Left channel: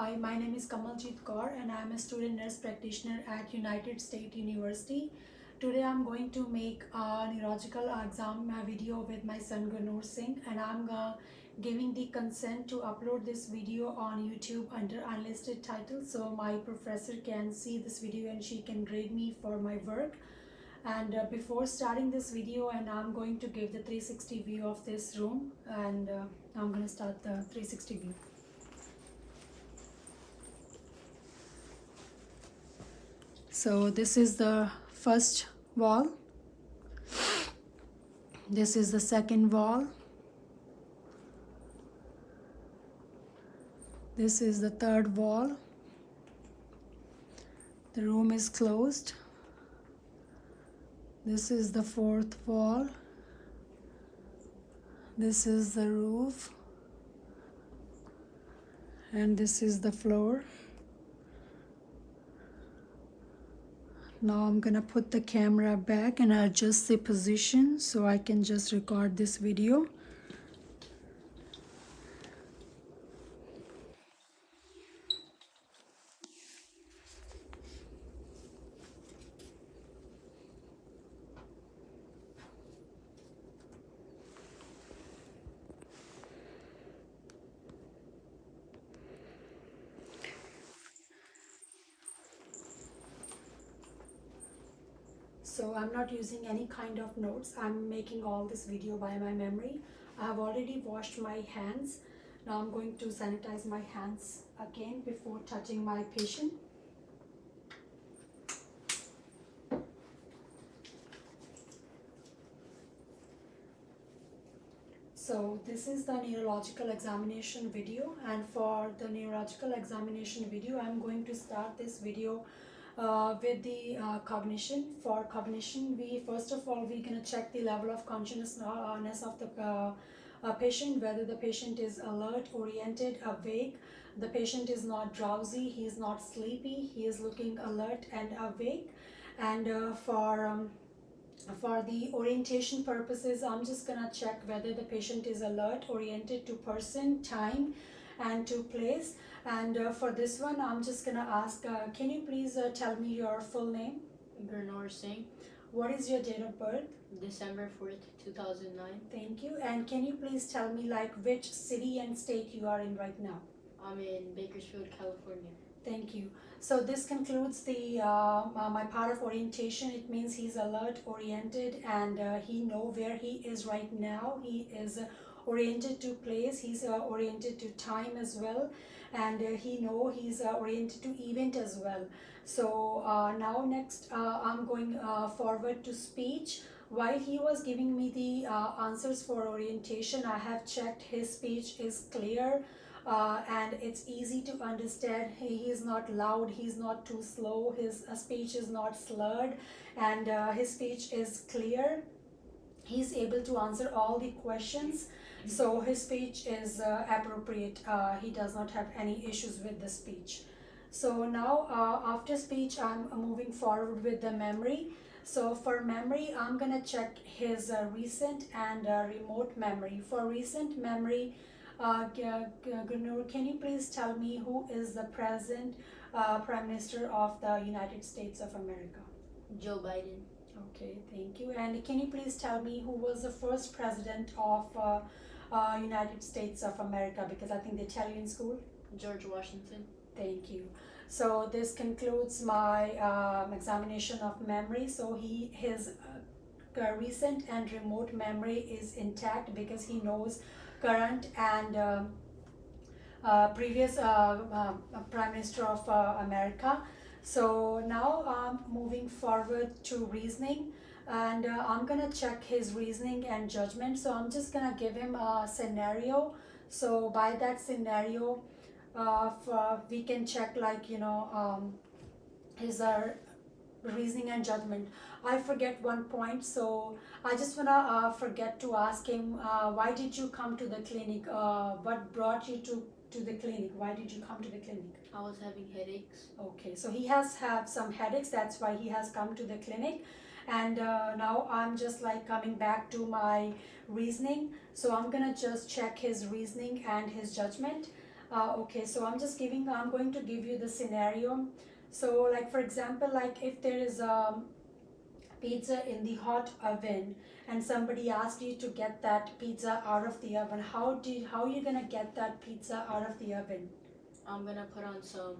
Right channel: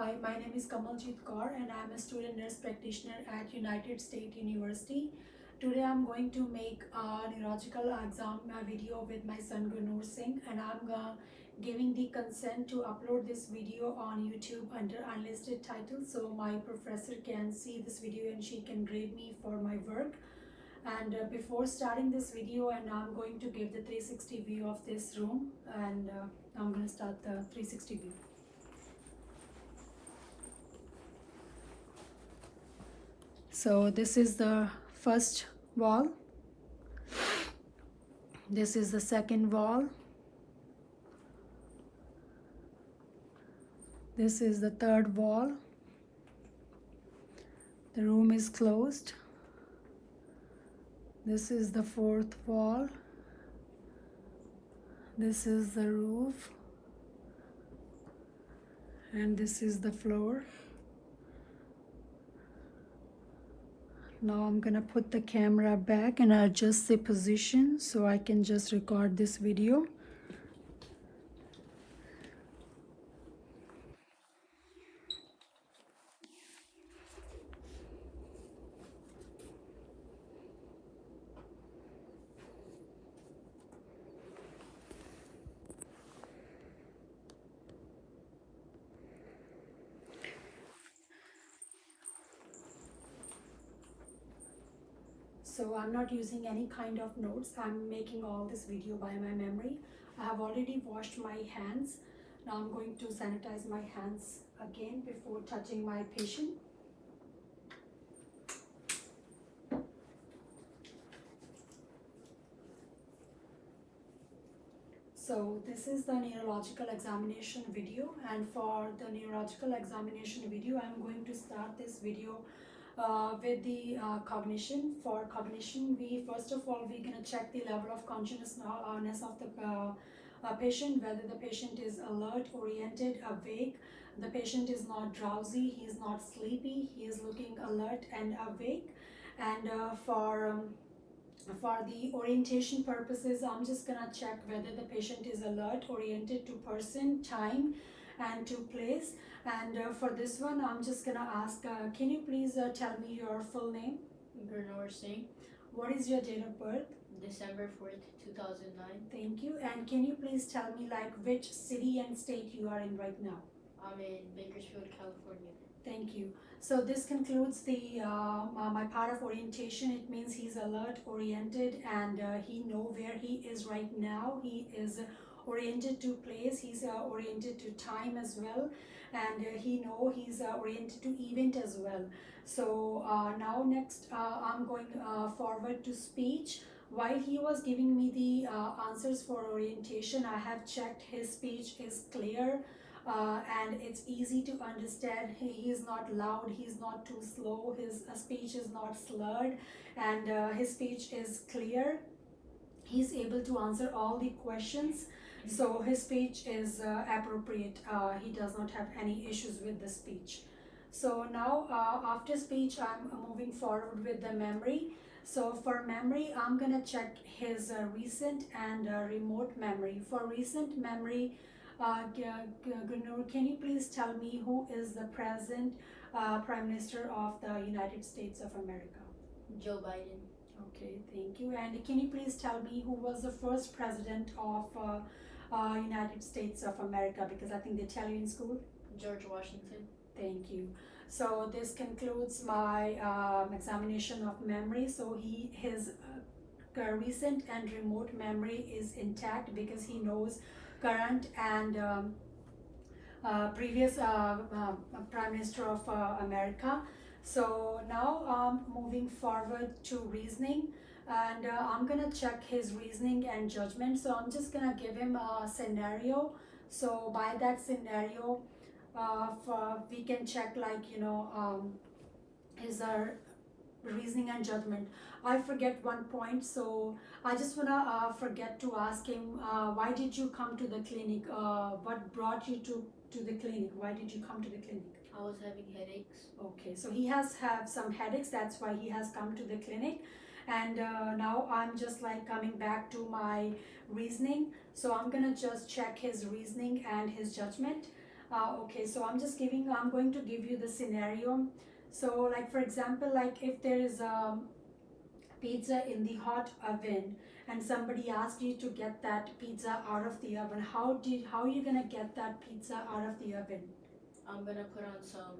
Hi, my name is Kamaljeet Kaur and I am a student nurse practitioner at United State University. Today I'm going to make a neurological exam video with my son Gurnoor Singh, and I'm giving the consent to upload this video on YouTube under unlisted title so my professor can see this video and she can grade me for my work. And before starting this video, and I'm going to give the 360 view of this room, and I'm going to start the 360 view. So this is the first wall, this is the second wall, this is the third wall. The room is closed. This is the fourth wall. This is the roof. And this is the floor. Now I'm gonna put the camera back and adjust the position so I can just record this video. So I'm not using any kind of notes. I'm making all this video by my memory. I have already washed my hands. Now I'm going to sanitize my hands again before touching my patient. So this is the neurological examination video, and for the neurological examination video I'm going to start this video with the cognition. For cognition, we first of all we're going to check the level of consciousness of the patient, whether the patient is alert, oriented, awake. The patient is not drowsy, he is not sleepy, he is looking alert and awake. And for the orientation purposes, I'm just gonna check whether the patient is alert, oriented to person, time, and to place. And for this one, I'm just gonna ask, can you please tell me your full name? Gurnoor Singh, What is your date of birth? December 4th, 2009. Thank you. And can you please tell me like which city and state you are in right now? I'm in Bakersfield, California. Thank you. So this concludes the my part of orientation. It means he's alert, oriented, and he know where he is right now. He is oriented to place. He's oriented to time as well, and he know he's oriented to event as well. So now next I'm going forward to speech. While he was giving me the answers for orientation, I have checked his speech is clear, and it's easy to understand. He is not loud, he's not too slow, his speech is not slurred, and his speech is clear. He's able to answer all the questions, so his speech is appropriate. He does not have any issues with the speech. So now after speech, I'm moving forward with the memory. So for memory, I'm gonna check his recent and remote memory. For recent memory, Gurnoor, can you please tell me who is the present Prime Minister of the United States of America? Joe Biden. Okay, thank you. And can you please tell me who was the first president of United States of America? Because I think they tell you in school. George Washington. Thank you. So this concludes my examination of memory. So his recent and remote memory is intact because he knows current and previous Prime Minister of America. So now moving forward to reasoning, and I'm gonna check his reasoning and judgment. So I'm just gonna give him a scenario. So by that scenario, we can check like his reasoning and judgment. I forget one point, so I just wanna forget to ask him, why did you come to the clinic? What brought you to the clinic? Why did you come to the clinic? I was having headaches. Okay, so he has had some headaches, that's why he has come to the clinic. And now I'm just like coming back to my reasoning. So I'm gonna just check his reasoning and his judgment. Okay, so I'm going to give you the scenario. So, like for example, like if there is pizza in the hot oven and somebody asked you to get that pizza out of the oven, how are you gonna get that pizza out of the oven? I'm gonna put on some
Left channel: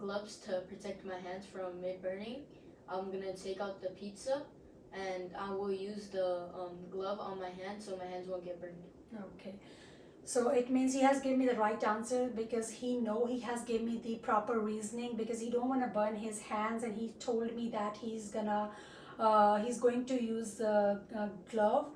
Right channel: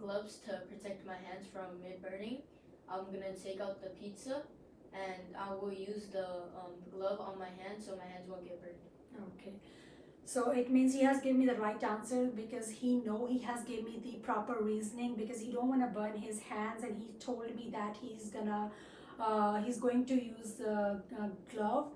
gloves to protect my hands from mid burning. I'm gonna take out the pizza, and I will use the glove on my hand so my hands won't get burned. Okay. So it means he has given me the right answer because he has given me the proper reasoning because he don't want to burn his hands, and he told me that he's going to use the glove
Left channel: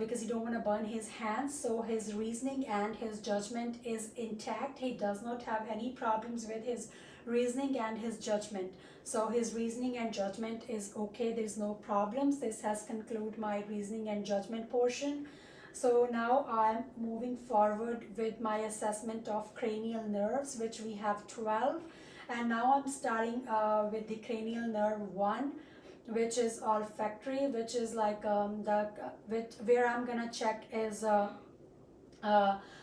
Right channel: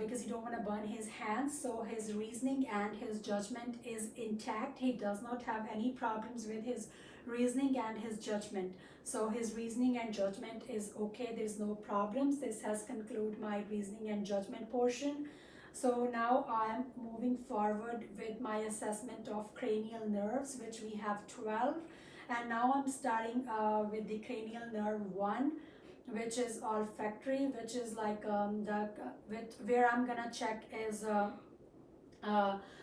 because he don't want to burn his hands. So his reasoning and his judgment is intact. He does not have any problems with his reasoning and his judgment. So his reasoning and judgment is okay. There's no problems. This has concluded my reasoning and judgment portion. So now I'm moving forward with my assessment of cranial nerves, which we have 12. And now I'm starting with the cranial nerve 1, which is olfactory, which is like where I'm gonna check is uh,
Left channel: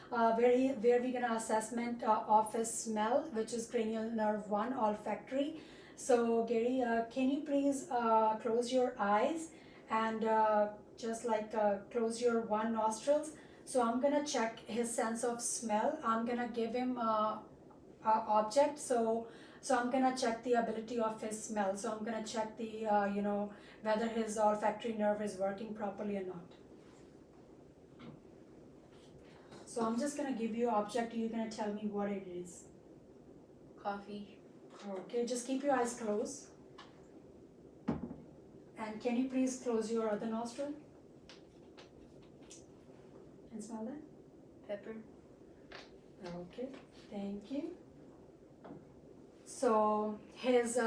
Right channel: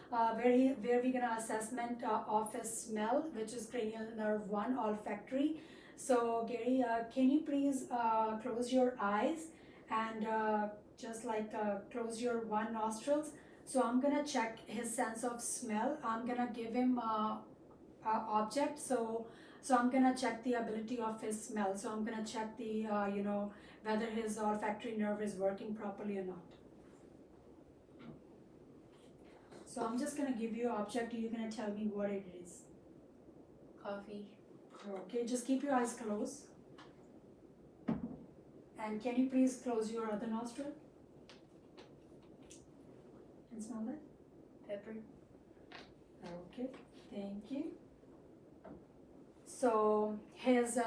where we're gonna assessment of his smell, which is cranial nerve 1, olfactory. So Gary, can you please close your eyes and just like close your one nostrils. So I'm gonna check his sense of smell. I'm gonna give him a object. So I'm gonna check the ability of his smell. So I'm gonna check the whether his olfactory nerve is working properly or not. So I'm just gonna give you an object. You're gonna tell me what it is. Coffee. Okay, just keep your eyes closed. And can you please close your other nostril? And smell that? Pepper. Okay, thank you. So his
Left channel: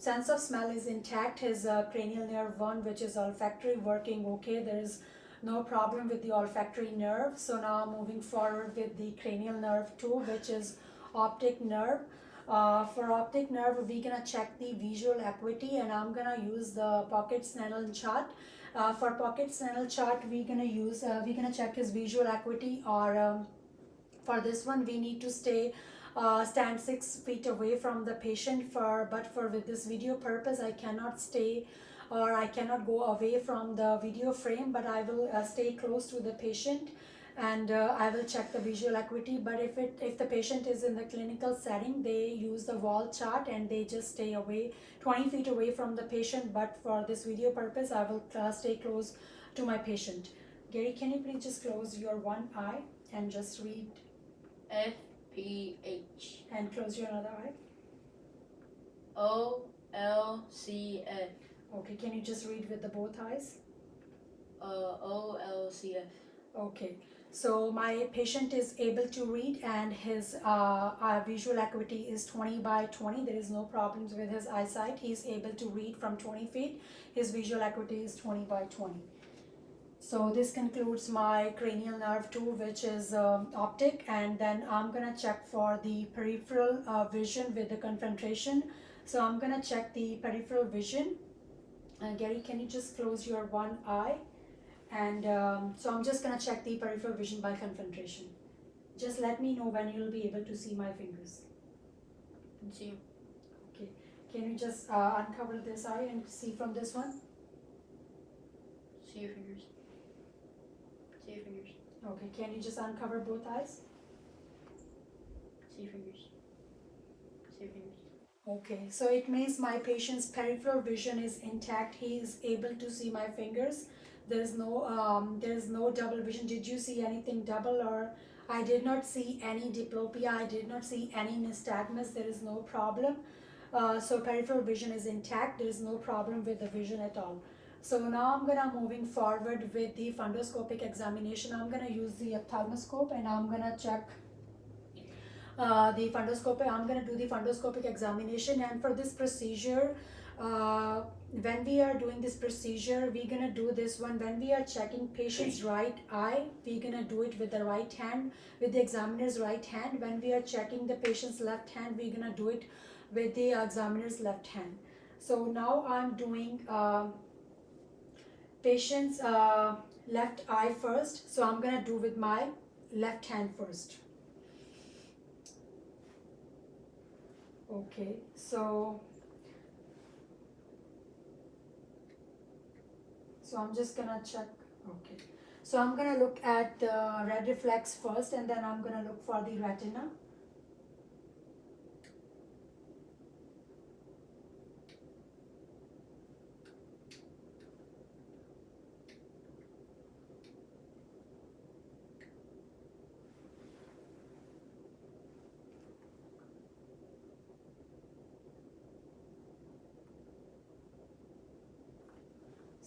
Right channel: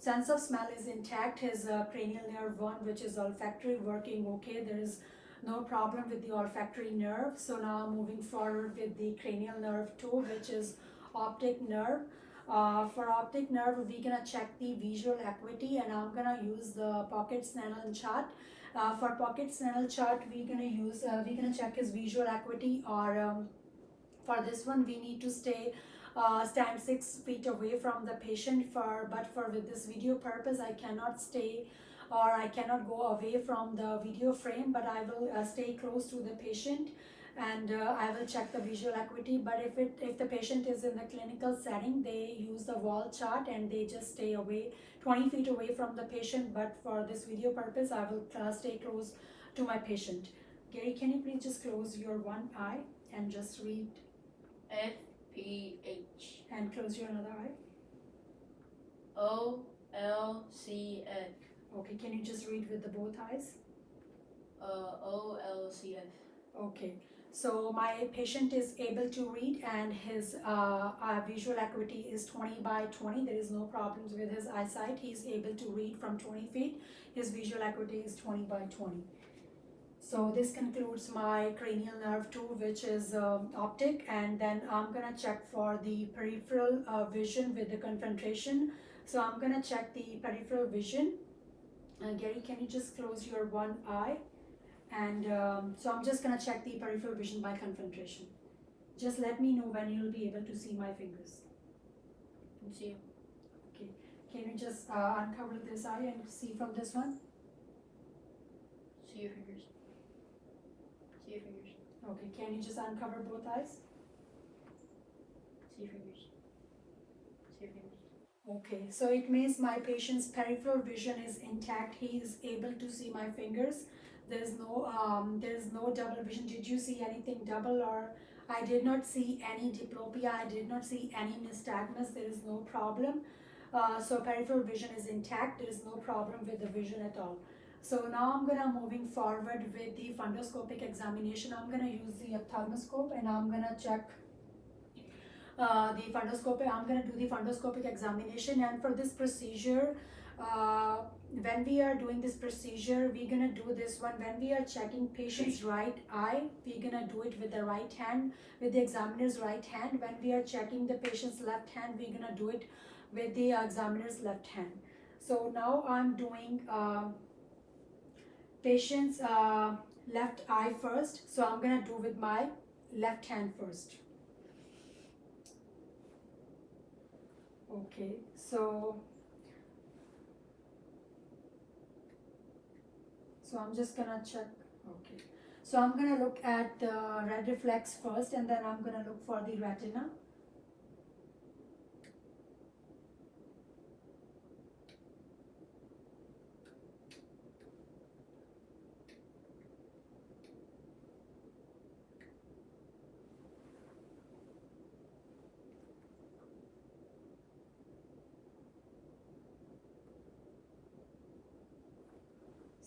sense of smell is intact. His cranial nerve 1, which is olfactory, working okay. There is no problem with the olfactory nerve. So now I'm moving forward with the cranial nerve 2, which is optic nerve. For optic nerve, we're gonna check the visual acuity, and I'm gonna use the Pocket-Snellen chart. For Pocket-Snellen chart, we're gonna check his visual acuity, or for this one, we need to stand 6 feet away from the patient. But with this video purpose, I cannot stay or I cannot go away from the video frame, but I will stay close to the patient, and I will check the visual acuity. But if the patient is in the clinical setting, they use the wall chart and they just stay away 20 feet away from the patient. But for this video purpose, I will stay close to my patient. Gary, can you please just close your one eye and just read FPH. and close your another eye? OLCF. Okay, can you just read with the both eyes? OLCF. Okay, so my patient is able to read, and his visual acuity is 20 by 20. There is no problems with his eyesight. He's able to read from 20 feet. His visual acuity is 20 by 20. So this concludes my cranial nerve 2, which is optic, and then I'm gonna check for the peripheral vision with the concentration. So I'm gonna check the peripheral vision. Gary, can you just close your one eye? And so I'm just gonna check the peripheral vision by concentration. Just let me know when you'll be able to see my fingers. Can see. Okay, can you just uncover this eye and see from this one? See your fingers. See your fingers. Okay, can you just uncover both eyes? See your fingers. See your fingers. Okay, so it means my patient's peripheral vision is intact. He is able to see my fingers. There's no double vision. Did you see anything double? Or I did not see any diplopia. I did not see any nystagmus. There is no problem. So peripheral vision is intact. There is no problem with the vision at all. So now I'm gonna moving forward with the fundoscopic examination. I'm gonna use the ophthalmoscope, and I'm gonna check the fundoscopic. I'm gonna do the fundoscopic examination, and for this procedure, when we are doing this procedure, we're gonna do this one when we are checking patient's right eye. We're gonna do it with the right hand, with the examiner's right hand. When we are checking the patient's left hand, we're gonna do it with the examiner's left hand. So now I'm doing patient's left eye first. So I'm gonna do with my left hand first. Okay, so I'm just gonna check. Okay, so I'm gonna look at the red reflex first, and then I'm gonna look for the retina.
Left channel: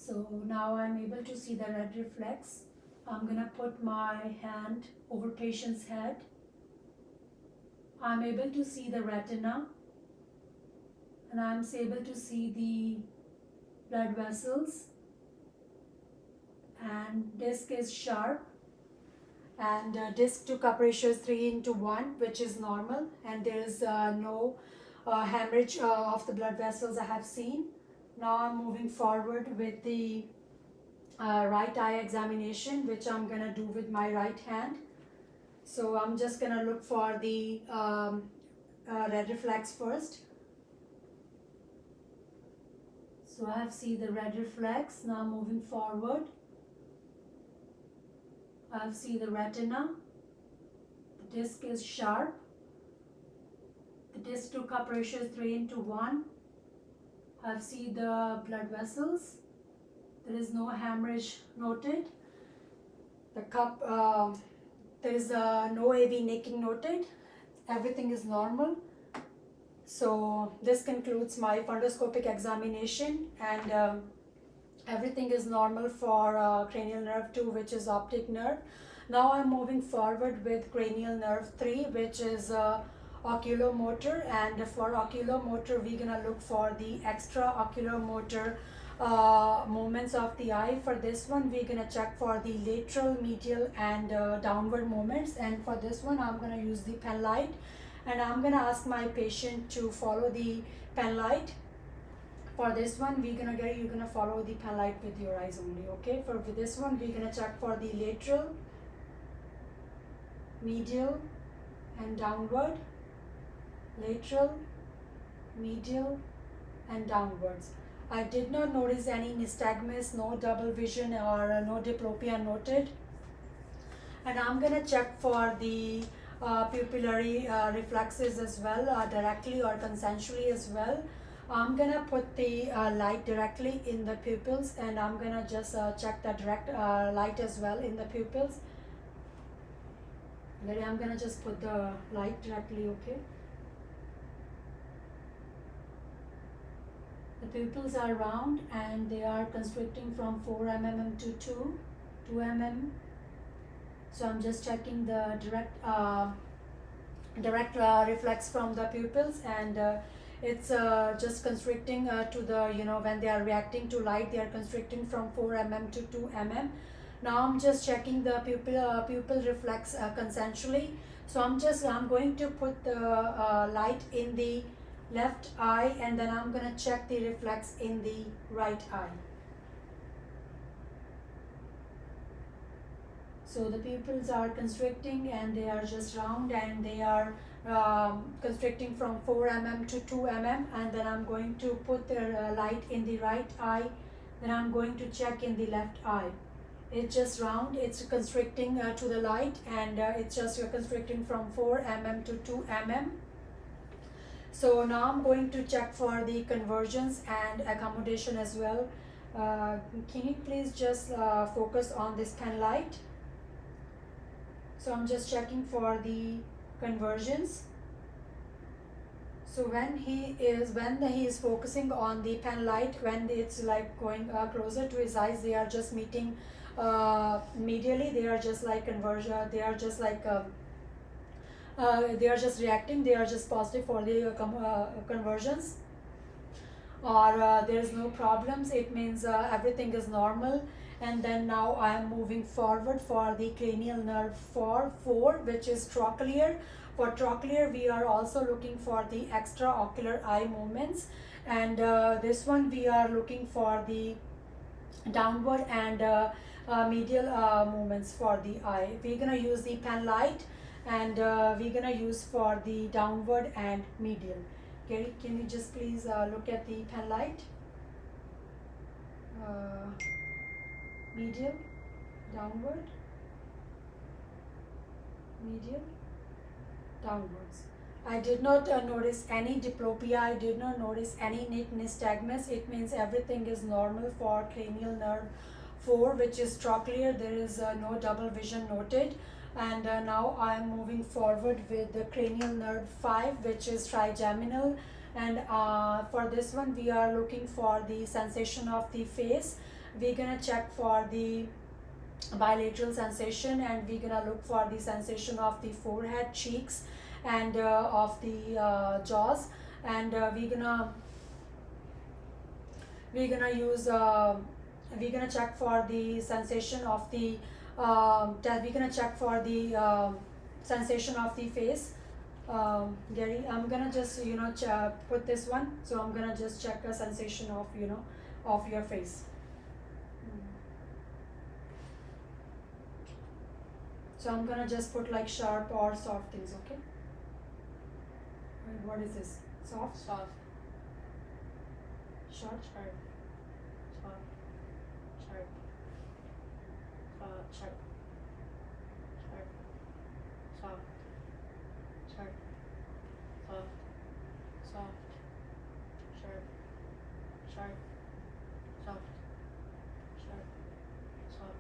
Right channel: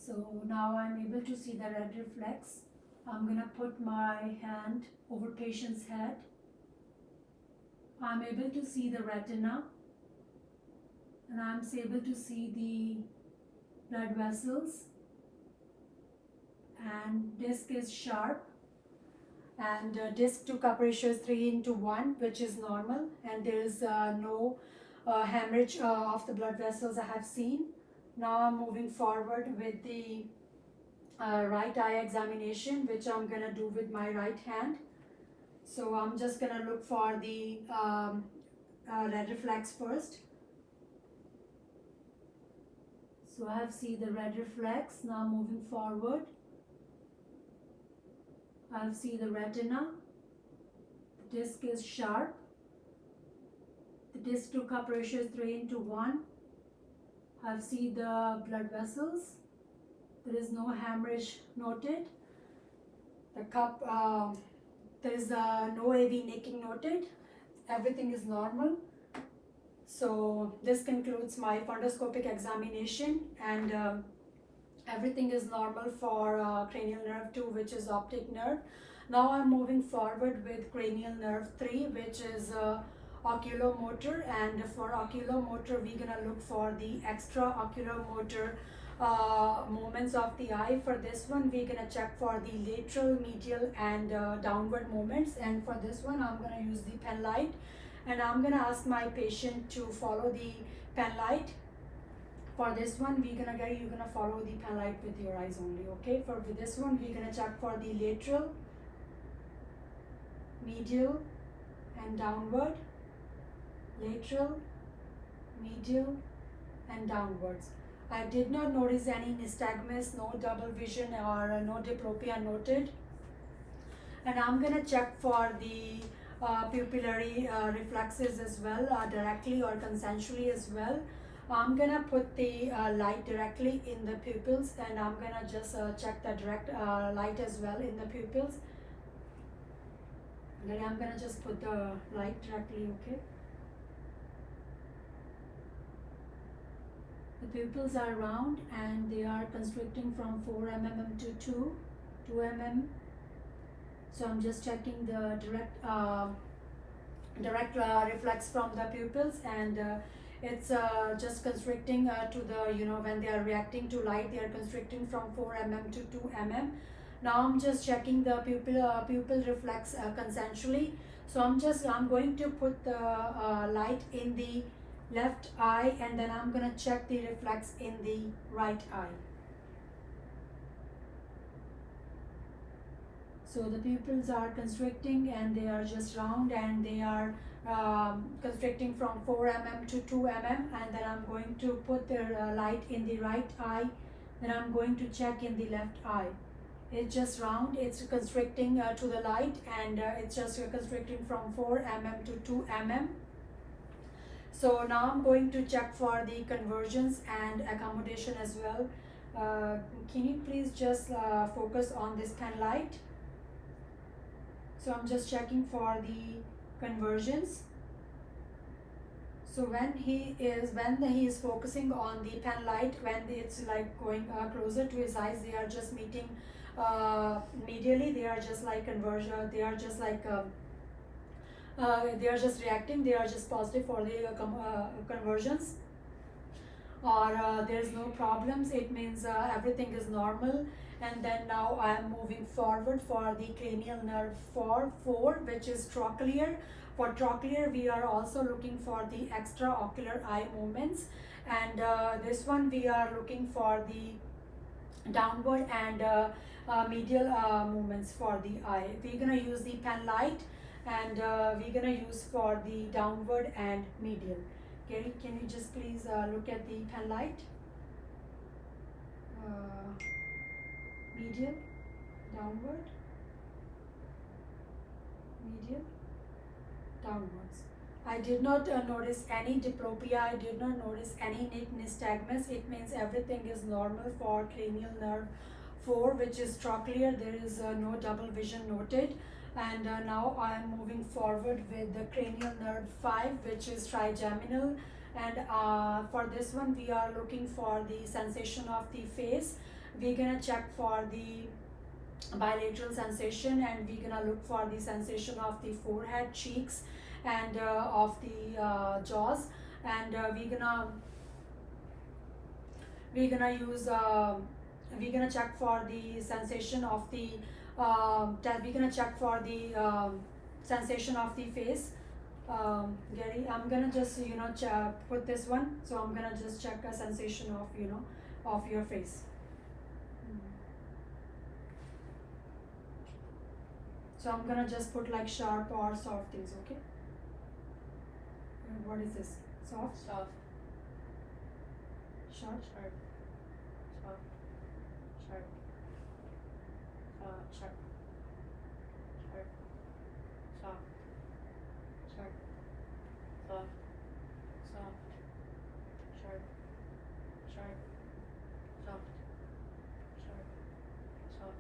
So now I'm able to see the red reflex. I'm gonna put my hand over patient's head. I'm able to see the retina, and I'm able to see the blood vessels, and disc is sharp, and disc to cup ratio is 3:1, which is normal, and there is no hemorrhage of the blood vessels I have seen. Now I'm moving forward with the right eye examination, which I'm gonna do with my right hand. So I'm just gonna look for the red reflex first. So I have seen the red reflex. Now moving forward, I have seen the retina. The disc is sharp. The disc to cup ratio is 3:1. I have seen the blood vessels. There is no hemorrhage noted. The cup, there is no AV nicking noted. Everything is normal. So this concludes my fundoscopic examination, and everything is normal for cranial nerve 2, which is optic nerve. Now I'm moving forward with cranial nerve 3, which is oculomotor, and for oculomotor we're gonna look for the extra oculomotor movements of the eye. For this one we're gonna check for the lateral, medial, and downward movements, and for this one I'm gonna use the pen light, and I'm gonna ask my patient to follow the pen light. For this one you're gonna follow the pen light with your eyes only. Okay, for this one we're gonna check for the lateral, medial, and downward. Lateral, medial, and downwards. I did not notice any nystagmus, no double vision, or no diplopia noted. And I'm gonna check for the pupillary reflexes as well, directly or consensually as well. I'm gonna put the light directly in the pupils, and I'm gonna just check the direct light as well in the pupils. Ready? I'm gonna just put the light directly, okay? The pupils are round and they are constricting from 4 mm to 2 mm. So I'm just checking the direct reflex from the pupils, and it's just constricting to the, when they are reacting to light, they are constricting from 4 mm to 2 mm. Now I'm just checking the pupil reflex consensually. So I'm going to put the light in the left eye, and then I'm gonna check the reflex in the right eye. So the pupils are constricting and they are just round, and they are constricting from 4 mm to 2 mm, and then I'm going to put the light in the right eye, then I'm going to check in the left eye. It's just round, it's constricting to the light, and it's just constricting from 4 mm to 2 mm. So now I'm going to check for the convergence and accommodation as well. Can you please just focus on this pen light? So I'm just checking for the convergence. So when he is focusing on the pen light, when it's like going closer to his eyes, they are just meeting medially. They are just like conversion. They are just like they are just reacting. They are just positive for the convergence. Or there is no problems. It means everything is normal. And then now I am moving forward for the cranial nerve 4, which is trochlear. For trochlear, we are also looking for the extraocular eye movements, and this one we are looking for the downward and medial movements for the eye. We're gonna use the pen light, and we're gonna use for the downward and medial. Gary, can you just please look at the pen light? Medium, downward, medium, downwards. I did not notice any diplopia. I did not notice any nystagmus. It means everything is normal for cranial nerve 4, which is trochlear. There is no double vision noted. And now I am moving forward with the cranial nerve 5, which is trigeminal. And for this one, we are looking for the sensation of the face. We're gonna check for the bilateral sensation, and we're gonna look for the sensation of the forehead, cheeks, and of the jaws. And we're gonna use we're gonna check for the sensation of the we're gonna check for the sensation of the face. Gary, I'm gonna just put this one, so I'm gonna just check a sensation of of your face. So I'm gonna just put like sharp or soft things, okay? And what is this? Soft? Soft. Sharp? Sharp. Soft. Sharp. Sharp. Sharp. Soft. Sharp. Soft. Soft. Sharp. Sharp. Soft. Sharp. Soft.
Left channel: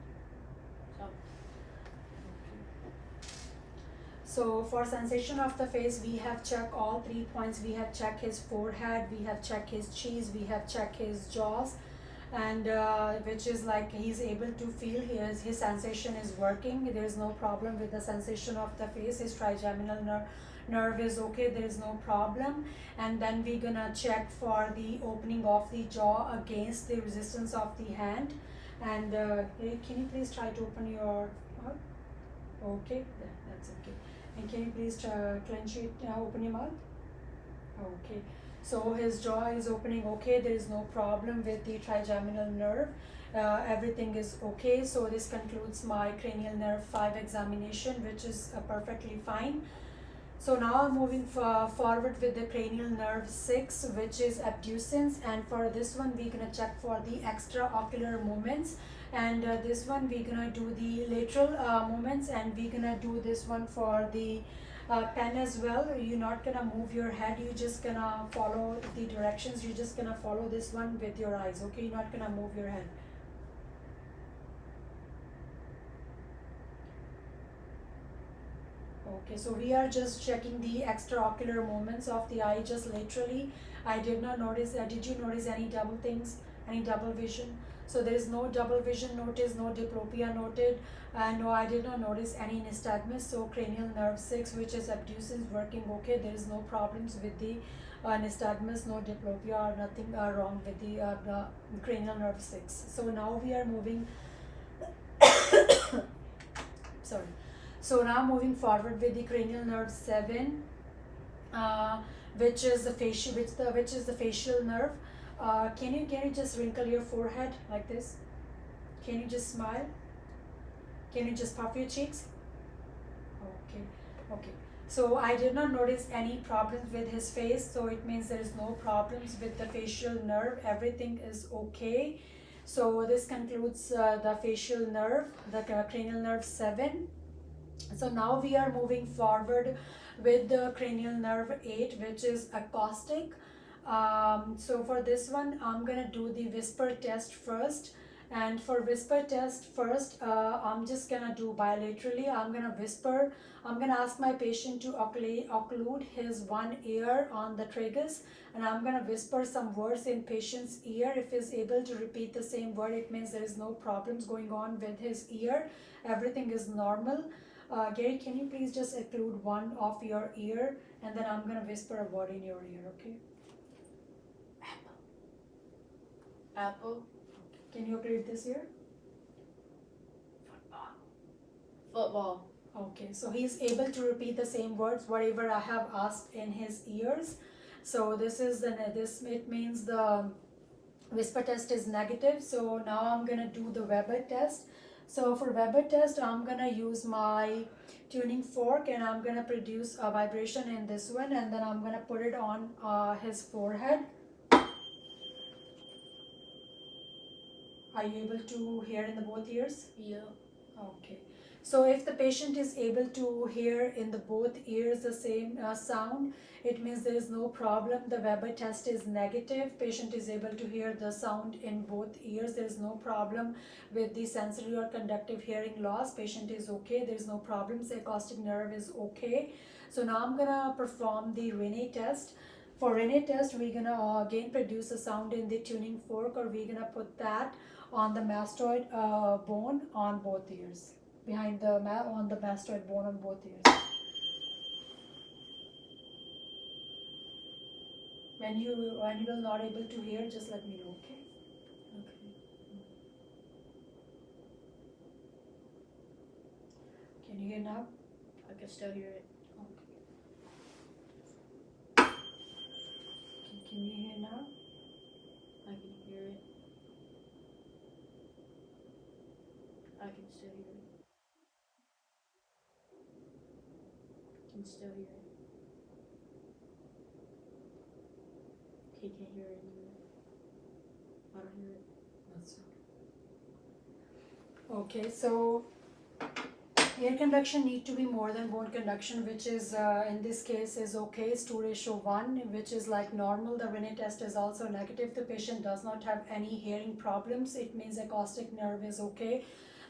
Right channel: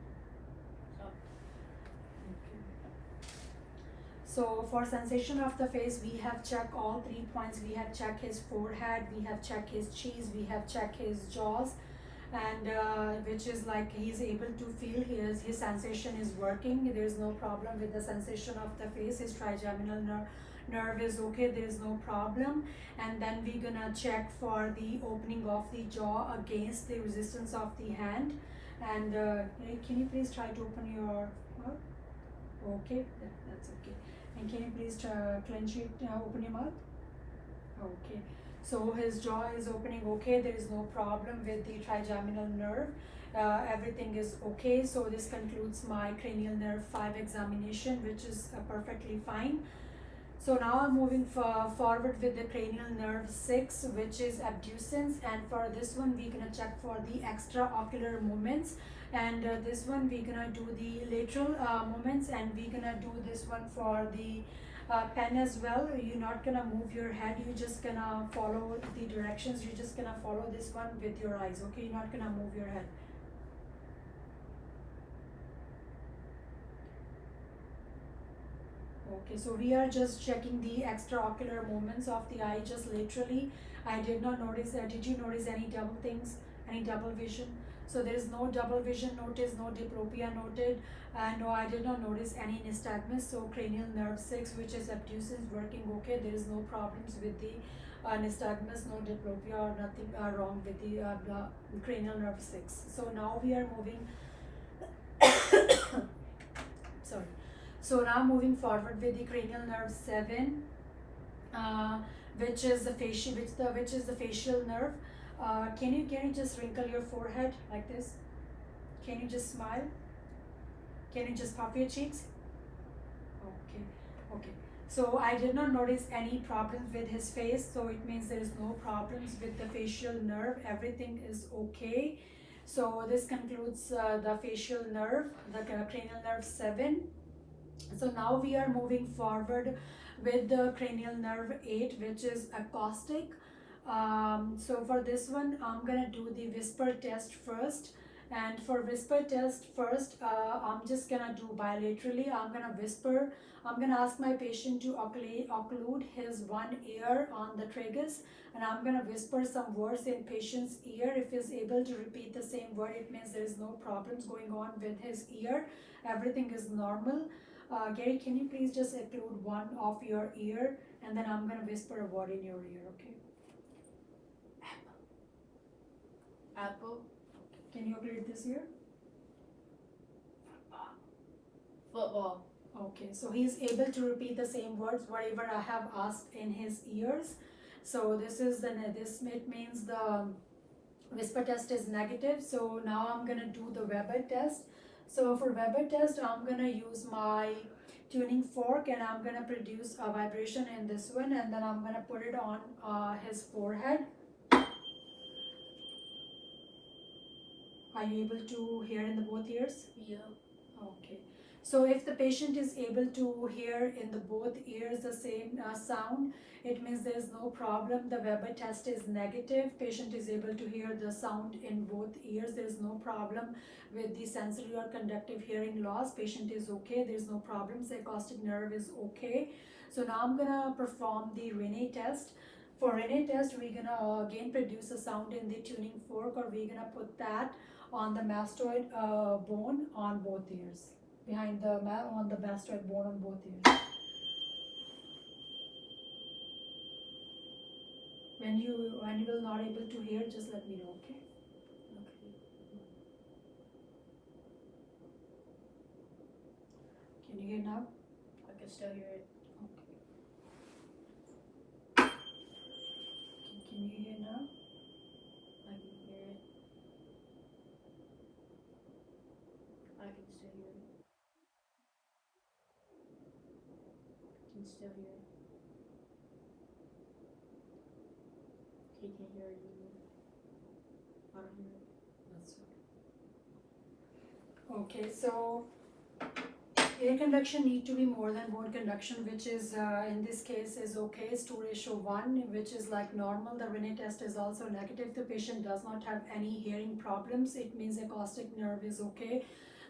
Soft. So for sensation of the face, we have checked all 3 points. We have checked his forehead, we have checked his cheeks, we have checked his jaws, and which is like he's able to feel his sensation is working. There is no problem with the sensation of the face. His trigeminal nerve is okay, there is no problem. And then we're gonna check for the opening of the jaw against the resistance of the hand. And can you please try to open your mouth? Okay, that's okay. And can you please clench it, open your mouth? Okay. So his jaw is opening okay. There is no problem with the trigeminal nerve. Everything is okay. So this concludes my cranial nerve 5 examination, which is perfectly fine. So now I'm moving forward with the cranial nerve 6, which is abducens. And for this one, we're gonna check for the extraocular movements. And this one we're gonna do the lateral movements, and we're gonna do this one for the pen as well. You're not gonna move your head, you're just gonna follow the directions. You're just gonna follow this one with your eyes, okay? You're not gonna move your head. Okay, so we are just checking the extraocular movements of the eye just laterally. I did not notice, did you notice any double things, any double vision? So there is no double vision noticed, no diplopia noted, and no, I did not notice any nystagmus. So cranial nerve 6, which is abducens, working okay. There is no problems with the nystagmus, no diplopia or nothing wrong with the cranial nerve 6. So now we are moving sorry. So now moving forward with the cranial nerve 7, which is the facial nerve. Can you just wrinkle your forehead like this? Can you just smile? Can you just puff your cheeks? Okay. So I did not notice any problems with his face, so it means there is no problems with the facial nerve. Everything is okay. So this concludes the facial nerve, the cranial nerve 7. So now we are moving forward with the cranial nerve 8, which is acoustic. So for this one, I'm gonna do the whisper test first. And for whisper test first, I'm just gonna do bilaterally. I'm gonna whisper. I'm gonna ask my patient to occlude his one ear on the tragus, and I'm gonna whisper some words in patient's ear. If he's able to repeat the same word, it means there is no problems going on with his ear. Everything is normal. Gary, can you please just occlude one of your ear, and then I'm gonna whisper a word in your ear, okay? Apple. Can you occlude this ear? Football. Okay, so he's able to repeat the same words, whatever I have asked in his ears. So it means the whisper test is negative. So now I'm gonna do the Weber test. So for Weber test, I'm gonna use my tuning fork, and I'm gonna produce a vibration in this one, and then I'm gonna put it on his forehead. Are you able to hear in the both ears? Yeah. Okay. So if the patient is able to hear in the both ears the same sound, it means there is no problem. The Weber test is negative. Patient is able to hear the sound in both ears. There is no problem with the sensory or conductive hearing loss. Patient is okay. There is no problems. The acoustic nerve is okay. So now I'm gonna perform the Rene test. For Rene test, we're gonna again produce a sound in the tuning fork, or we're gonna put that on the mastoid bone on both ears, behind the on the mastoid bone on both ears. When you will not able to hear, just let me know, okay? Okay. Can you hear now? I can still hear it. Okay. Can you hear now? I can hear it. I can still hear it. Can still hear it. He can't hear it anymore. I don't hear it. That's okay. So air conduction need to be more than bone conduction, which is in this case is okay. Is 2:1, which is like normal. The Rene test is also negative. The patient does not have any hearing problems. It means acoustic nerve is okay.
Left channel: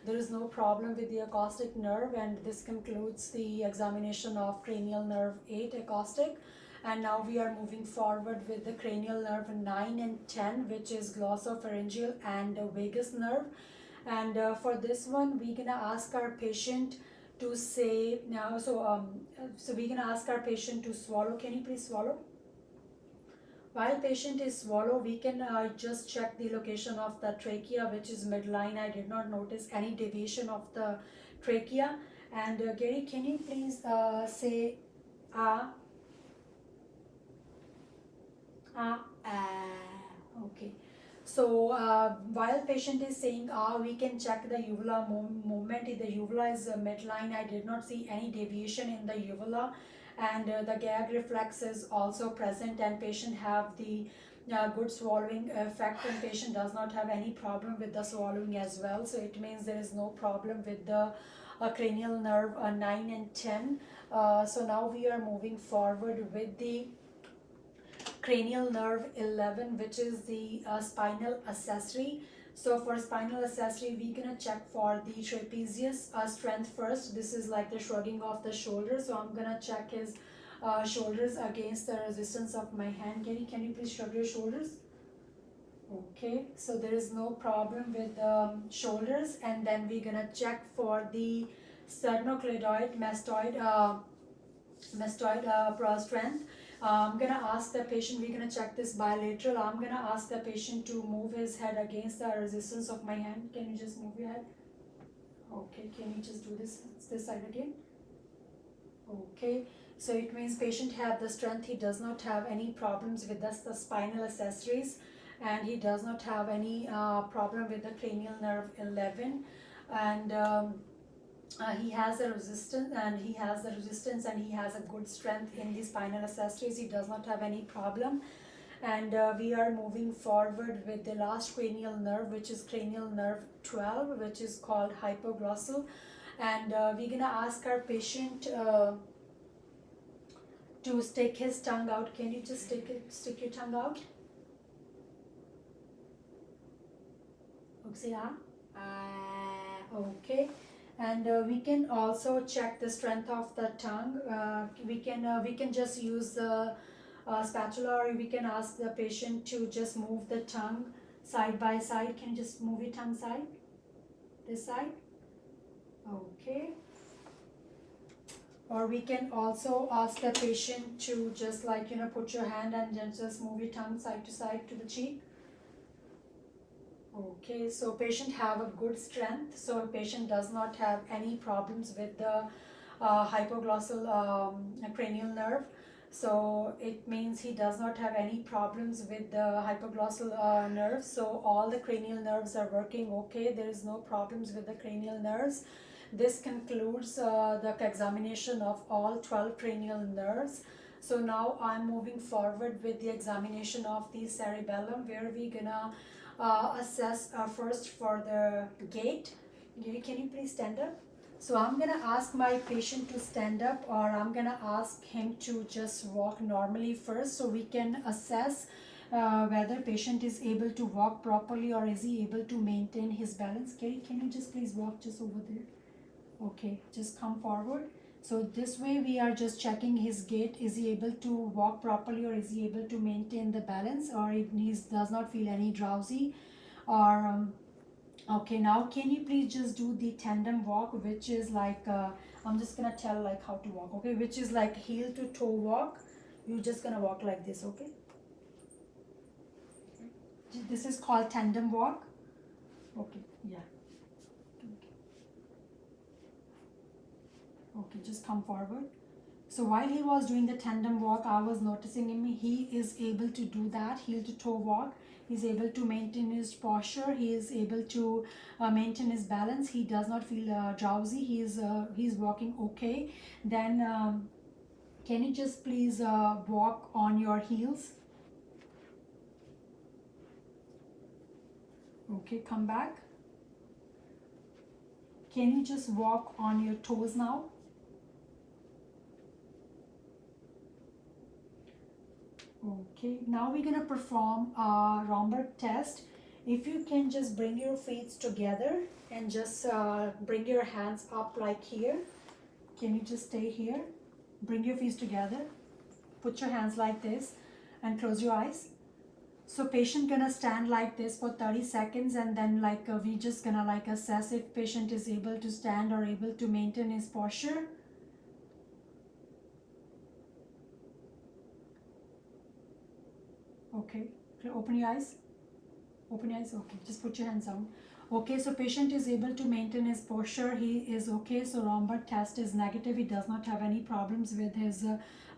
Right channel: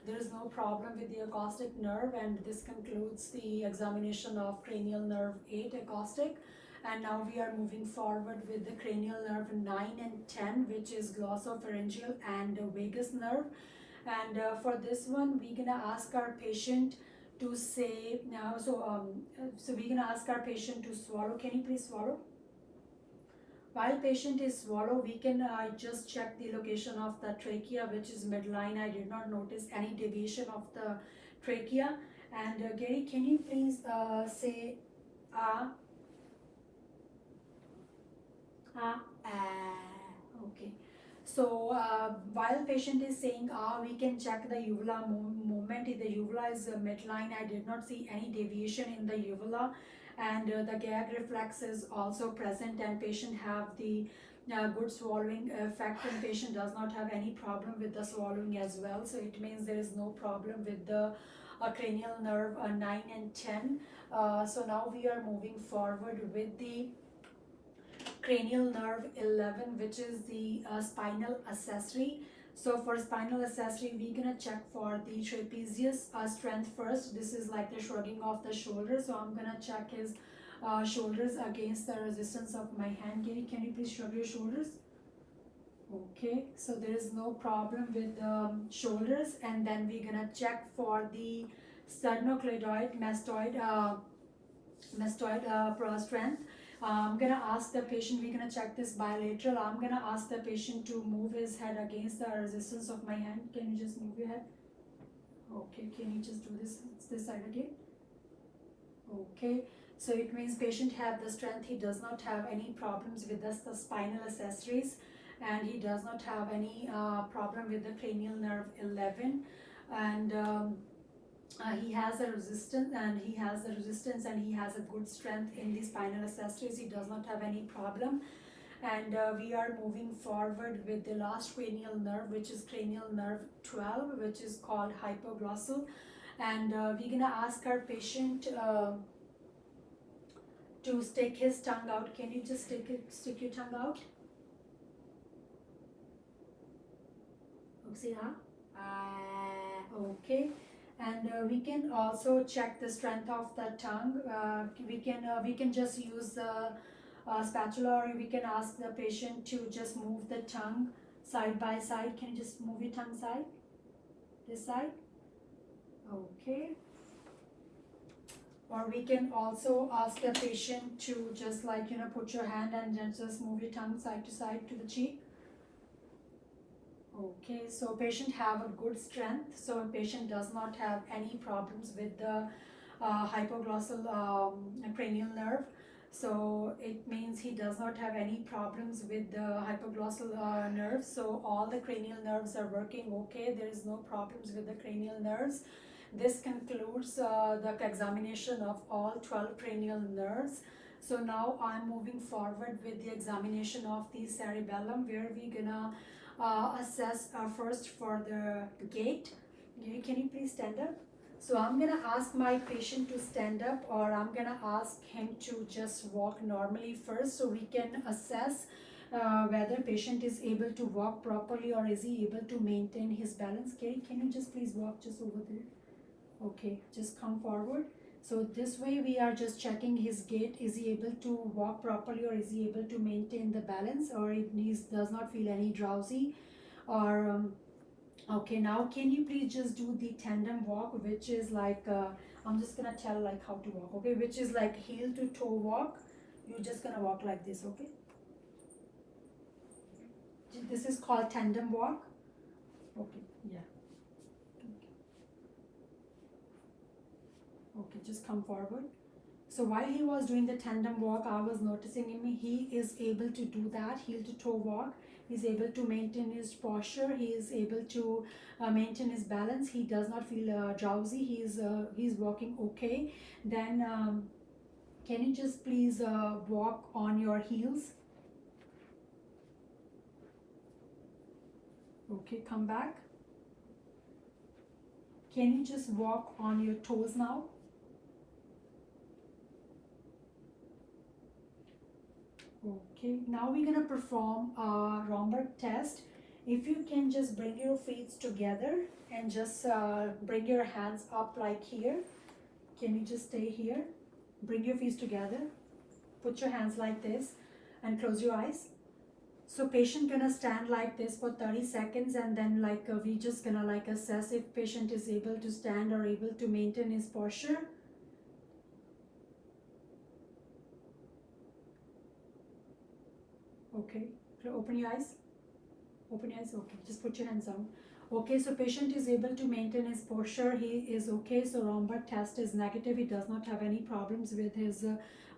There is no problem with the acoustic nerve, and this concludes the examination of cranial nerve 8 acoustic. And now we are moving forward with the cranial nerve 9 and 10, which is glossopharyngeal and vagus nerve. And for this one, we're gonna ask our patient to say now. So we're gonna ask our patient to swallow. Can you please swallow? While patient is swallow, we can just check the location of the trachea, which is midline. I did not notice any deviation of the trachea. And Gary, can you please say ah? Ah, okay. So while patient is saying we can check the uvula movement. If the uvula is midline, I did not see any deviation in the uvula, and the gag reflex is also present, and patient have the good swallowing effect, and patient does not have any problem with the swallowing as well. So it means there is no problem with the cranial nerve 9 and 10. So now we are moving forward with the cranial nerve 11, which is the spinal accessory. So for spinal accessory, we're gonna check for the trapezius strength first. This is like the shrugging of the shoulders. So I'm gonna check his shoulders against the resistance of my hand. Can you please shrug your shoulders? Okay, so there is no problem with shoulders. And then we're gonna check for the sternocleidoid mastoid strength. I'm gonna ask the patient, we're gonna check this bilateral. I'm gonna ask the patient to move his head against the resistance of my hand. Can you just move your head? Okay, can you just do this side again? Okay, so it means patient have the strength. He does not have any problems with the spinal accessories, and he does not have any problem with the cranial nerve 11. And he has a resistance, and he has a good strength in the spinal accessories. He does not have any problem. And we are moving forward with the last cranial nerve, which is cranial nerve 12, which is called hypoglossal. And we're gonna ask our patient to stick his tongue out. Can you just stick your tongue out? Oopsie, okay. And we can also check the strength of the tongue. We can just use the spatula, or we can ask the patient to just move the tongue side by side. Can you just move your tongue side? This side? Okay. Or we can also ask the patient to just put your hand and then just move your tongue side to side to the cheek. Okay, so patient have a good strength. So patient does not have any problems with the hypoglossal cranial nerve. So it means he does not have any problems with the hypoglossal nerves. So all the cranial nerves are working okay. There is no problems with the cranial nerves. This concludes the examination of all 12 cranial nerves. So now I'm moving forward with the examination of the cerebellum, where we're gonna assess first for the gait. Can you please stand up? So I'm gonna ask my patient to stand up, or I'm gonna ask him to just walk normally first, so we can assess whether patient is able to walk properly or is he able to maintain his balance. Carrie, can you just please walk just over there? Okay, just come forward. So this way we are just checking his gait. Is he able to walk properly, or is he able to maintain the balance, or he does not feel any drowsy, or okay, now can you please just do the tandem walk, which is like I'm just gonna tell like how to walk, okay, which is like heel to toe walk. You're just gonna walk like this, okay? This is called tandem walk. Okay, yeah. Okay, just come forward. So while he was doing the tandem walk, I was noticing him. He is able to do that heel to toe walk. He's able to maintain his posture. He is able to maintain his balance. He does not feel drowsy. He's walking okay. Then can you just please walk on your heels? Okay, come back. Can you just walk on your toes now? Okay, now we're gonna perform a Romberg test. If you can just bring your feet together and just bring your hands up like here. Can you just stay here? Bring your feet together. Put your hands like this and close your eyes. So patient gonna stand like this for 30 seconds, and then like we just gonna like assess if patient is able to stand or able to maintain his posture. Okay, open your eyes. Open your eyes. Okay, just put your hands down. Okay, so patient is able to maintain his posture. He is okay. So Romberg test is negative. He does not have any problems with his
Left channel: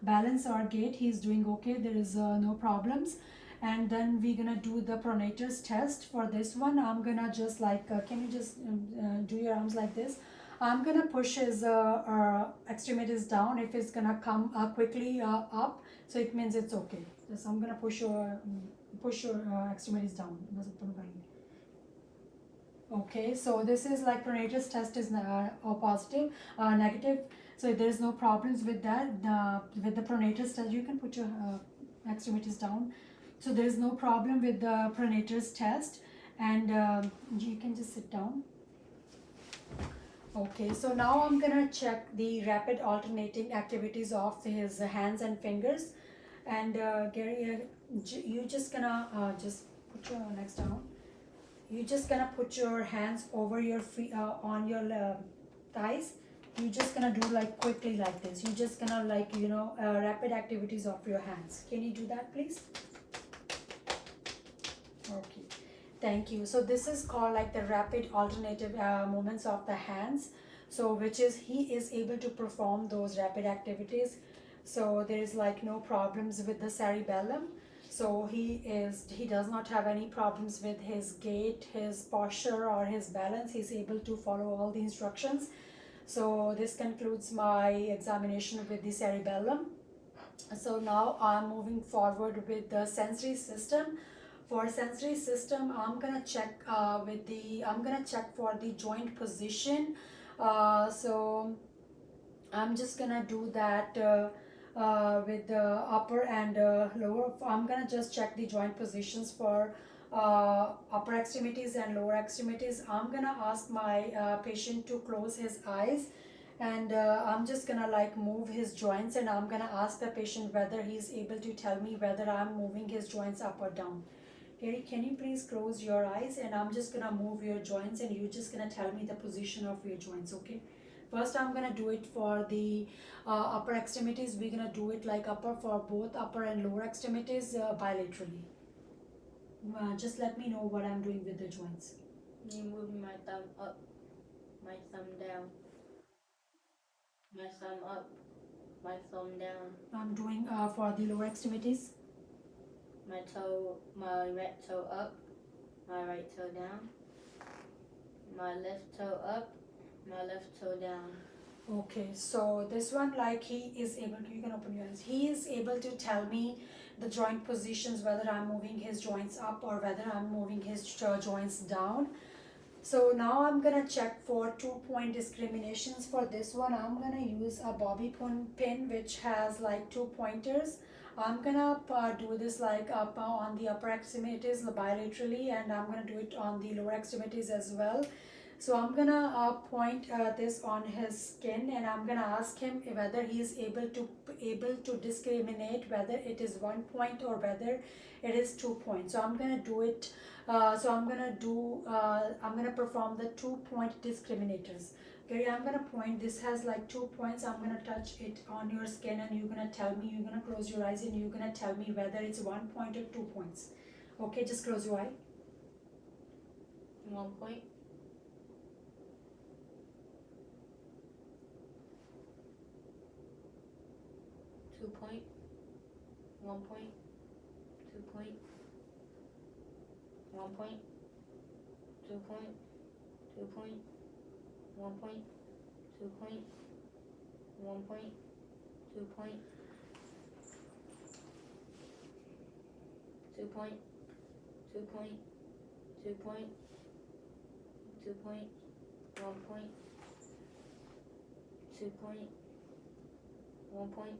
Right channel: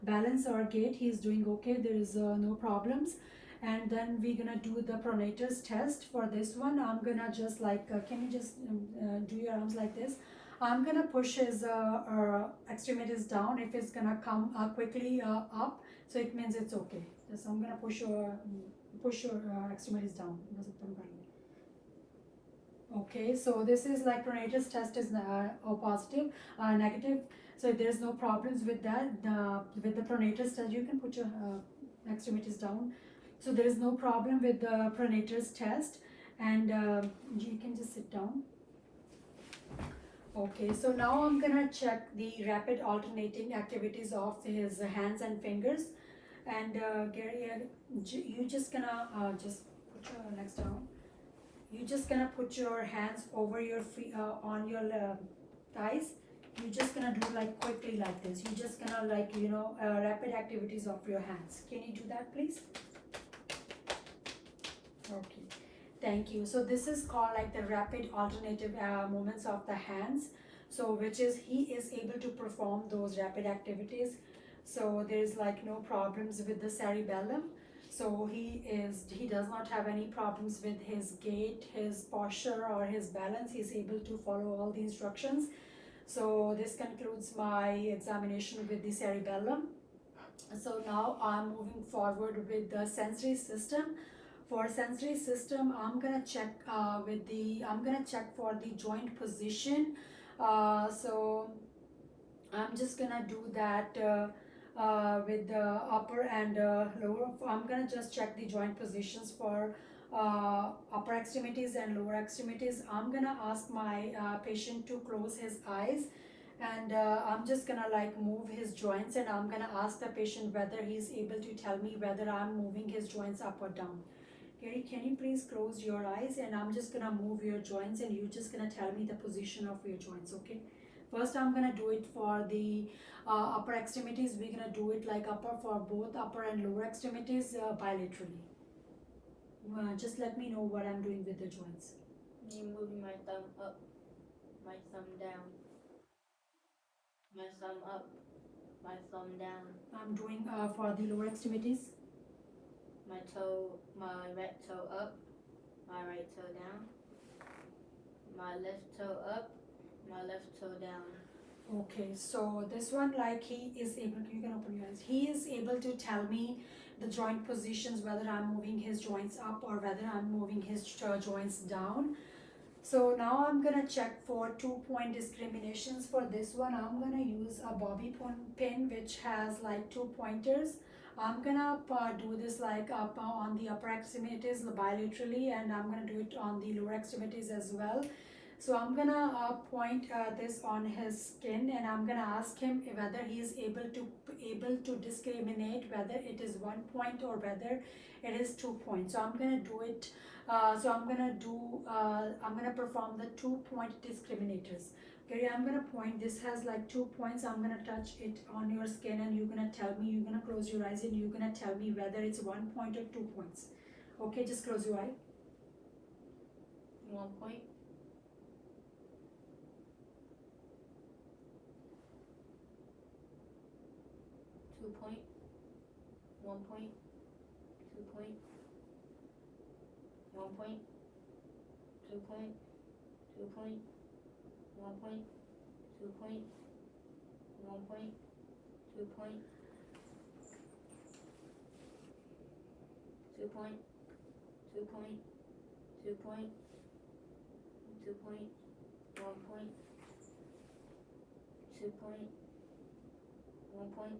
balance or gait. He is doing okay. There is no problems. And then we're gonna do the pronator's test. For this one, I'm gonna just like can you just do your arms like this? I'm gonna push his extremities down. If it's gonna come quickly up, so it means it's okay. So I'm gonna push your extremities down. Okay, so this is like pronator's test is positive, negative. So there is no problems with that. With the pronator's test, you can put your extremities down. So there is no problem with the pronator's test, and you can just sit down. Okay, so now I'm gonna check the rapid alternating activities of his hands and fingers. And Gary, you just gonna just put your legs down. You just gonna put your hands over your feet on your thighs. You just gonna do like quickly like this. You just gonna like rapid activities of your hands. Can you do that, please? Okay, thank you. So this is called like the rapid alternative movements of the hands. So which is he is able to perform those rapid activities. So there is like no problems with the cerebellum. So he does not have any problems with his gait, his posture, or his balance. He's able to follow all the instructions. So this concludes my examination with the cerebellum. So now I'm moving forward with the sensory system. For sensory system, I'm gonna check for the joint position. So I'm just gonna do that with the upper and lower. I'm gonna just check the joint positions for upper extremities and lower extremities. I'm gonna ask my patient to close his eyes, and I'm just gonna like move his joints, and I'm gonna ask the patient whether he's able to tell me whether I'm moving his joints up or down. Gary, can you please close your eyes, and I'm just gonna move your joints, and you're just gonna tell me the position of your joints, okay? First, I'm gonna do it for the upper extremities. We're gonna do it like upper for both upper and lower extremities bilaterally. Just let me know what I'm doing with the joints. I'm moving my thumb up, my thumb down, my thumb up, my thumb down. I'm doing for the lower extremities. My right toe up, my right toe down, my left toe up, my left toe down. Okay, so this one, like he is able, you can open your eyes. He is able to tell me the joint positions, whether I'm moving his joints up or whether I'm moving his joints down. So now I'm gonna check for 2-point discriminations. For this one, I'm gonna use a bobby pin which has like 2 pointers. I'm gonna do this like up on the upper extremities bilaterally, and I'm gonna do it on the lower extremities as well. So I'm gonna point this on his skin, and I'm gonna ask him whether he is able to discriminate whether it is 1 point or whether it is 2 points. So I'm gonna do it. I'm gonna perform the 2-point discriminators. Okay, I'm gonna point. This has like 2 points. I'm gonna touch it on your skin, and you're gonna tell me. You're gonna close your eyes, and you're gonna tell me whether it's 1 point or 2 points. Okay, just close your eye. 1 point. 2 point. 1 point. 2 point. 1 point. 2 point. 2 point. 1 point. 2 point. 1 point. 2 point. 2 point. 2 point. 2 point. 2 point. 1 point. 2 point. 1 point.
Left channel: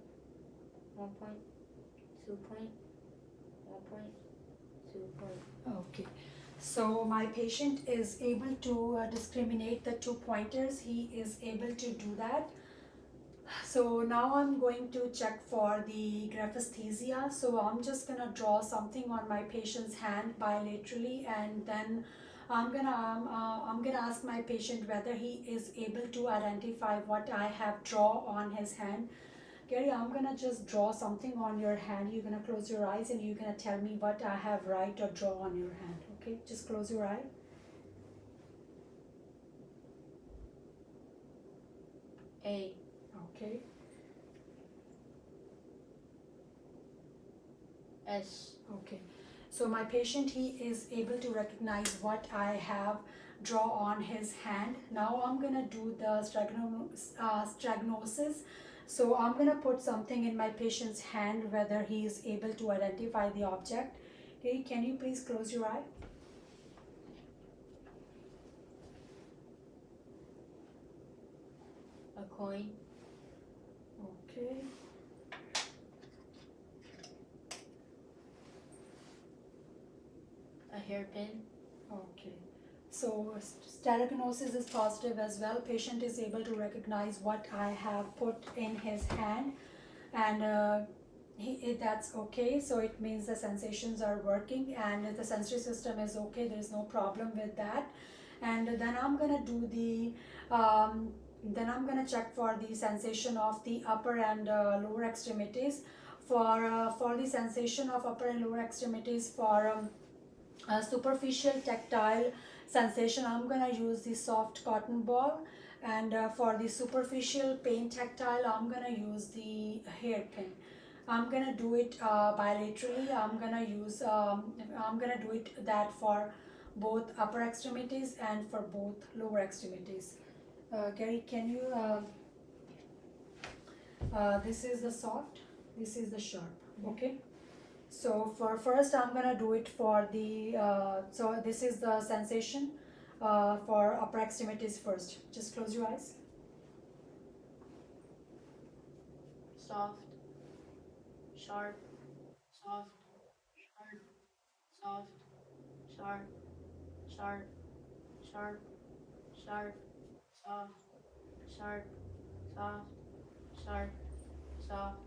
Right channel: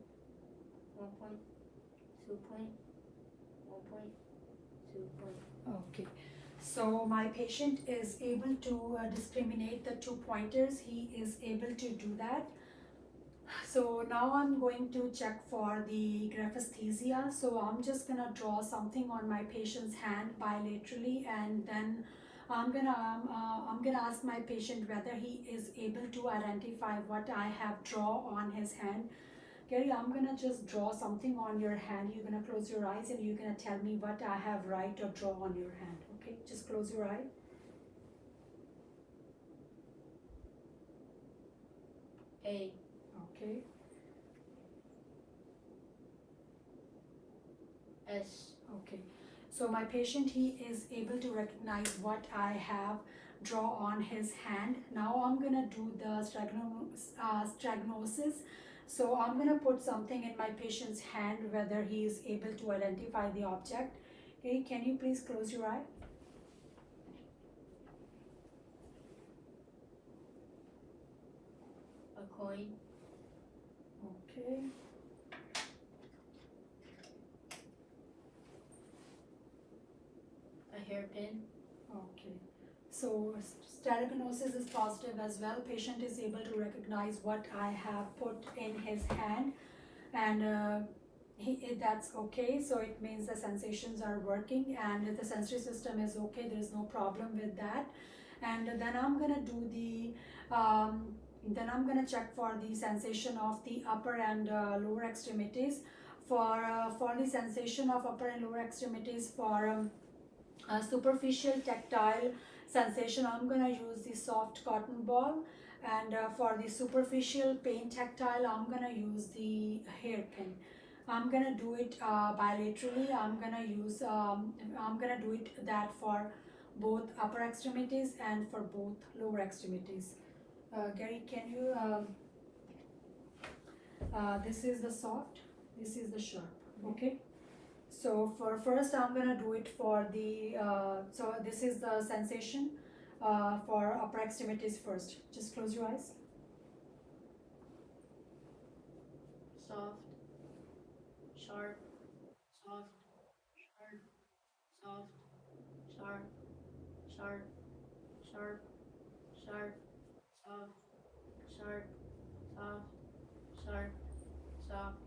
1 point. 2 point. 1 point. 2 point. Okay, so my patient is able to discriminate the 2 pointers. He is able to do that. So now I'm going to check for the graphesthesia. So I'm just gonna draw something on my patient's hand bilaterally, and then I'm gonna ask my patient whether he is able to identify what I have draw on his hand. Gary, I'm gonna just draw something on your hand. You're gonna close your eyes, and you're gonna tell me what I have write or draw on your hand. Okay, just close your eye. A. Okay. S. Okay, so my patient, he is able to recognize what I have draw on his hand. Now I'm gonna do the stagnosis. So I'm gonna put something in my patient's hand, whether he is able to identify the object. Okay, can you please close your eye? A coin. Okay. A hairpin. Okay, so stereognosis is positive as well. Patient is able to recognize what I have put in his hand, and that's okay. So it means the sensations are working, and the sensory system is okay. There is no problem with that. And then I'm gonna do then I'm gonna check for the sensation of the upper and lower extremities. For the sensation of upper and lower extremities, for superficial tactile sensation, I'm gonna use the soft cotton ball, and for the superficial pain tactile, I'm gonna use the hairpin. I'm gonna do it bilaterally. I'm gonna do it that for both upper extremities and for both lower extremities. Gary, can you this is the soft, this is the sharp. Okay, so for first, I'm gonna do it for the so this is the sensation for upper extremities first. Just close your eyes. Soft. Sharp. Soft. Sharp. Soft. Sharp. Sharp. Sharp. Sharp. Soft. Sharp. Soft. Sharp. Soft.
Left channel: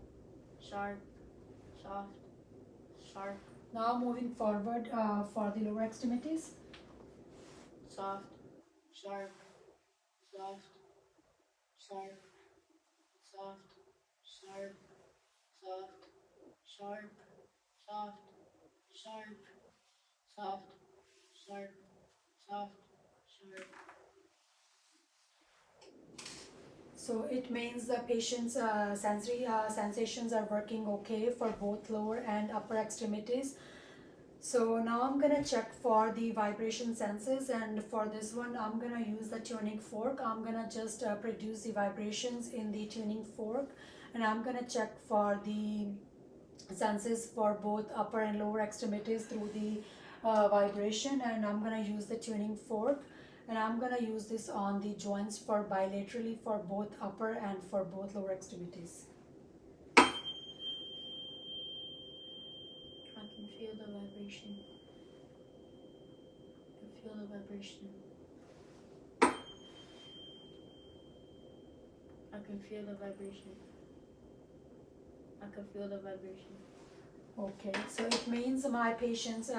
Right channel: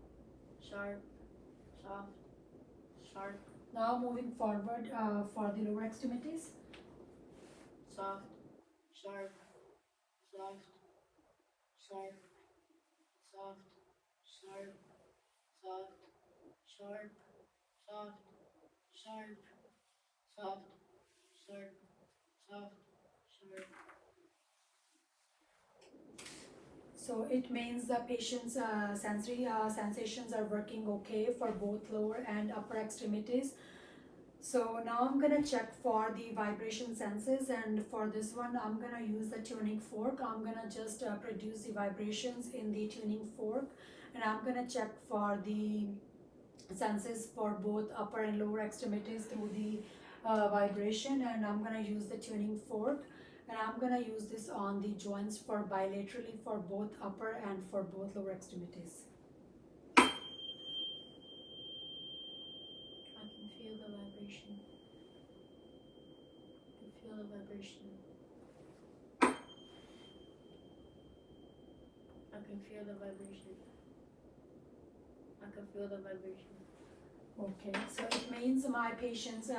Sharp. Soft. Sharp. Now moving forward for the lower extremities. Soft. Sharp. Soft. Sharp. Soft. Sharp. Soft. Sharp. Soft. Sharp. Soft. Sharp. Soft. Sharp. So it means the patient's sensory sensations are working okay for both lower and upper extremities. So now I'm gonna check for the vibration senses, and for this one I'm gonna use the tuning fork. I'm gonna just produce the vibrations in the tuning fork, and I'm gonna check for the senses for both upper and lower extremities through the vibration, and I'm gonna use the tuning fork, and I'm gonna use this on the joints for bilaterally for both upper and for both lower extremities. I can feel the vibration. I can feel the vibration. I can feel the vibration. I can feel the vibration. Okay, so it means my patient's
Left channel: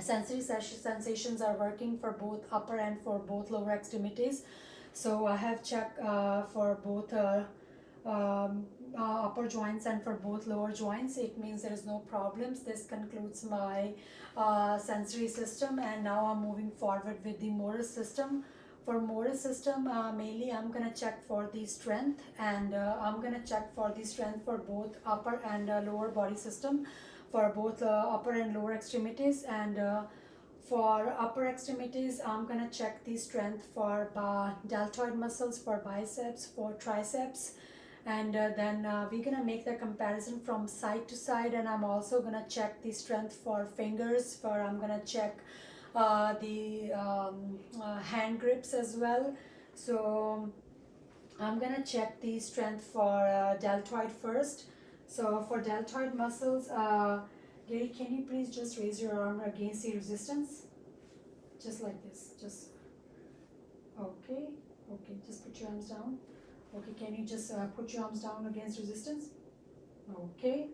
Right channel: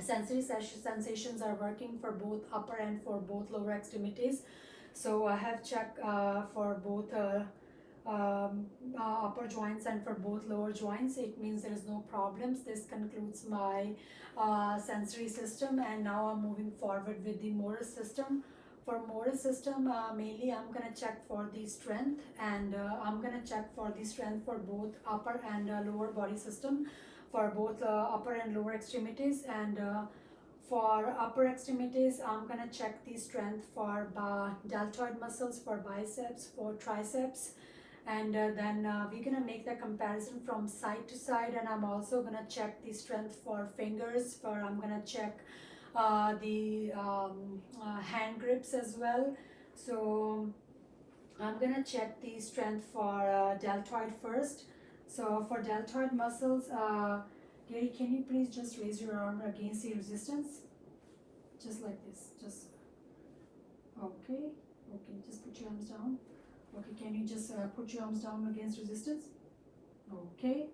sensory sensations are working for both upper and for both lower extremities. So I have checked for both upper joints and for both lower joints. It means there is no problems. This concludes my sensory system, and now I'm moving forward with the motor system. For motor system, mainly I'm gonna check for the strength, and I'm gonna check for the strength for both upper and lower body system, for both upper and lower extremities. And for upper extremities, I'm gonna check the strength for deltoid muscles, for biceps, for triceps, and then we're gonna make the comparison from side to side. And I'm also gonna check the strength for fingers, for I'm gonna check the hand grips as well. So I'm gonna check the strength for deltoid first. So for deltoid muscles, Gary, can you please just raise your arm against the resistance? Just like this, just, okay, just put your arms down. Okay, can you just put your arms down against resistance? Okay,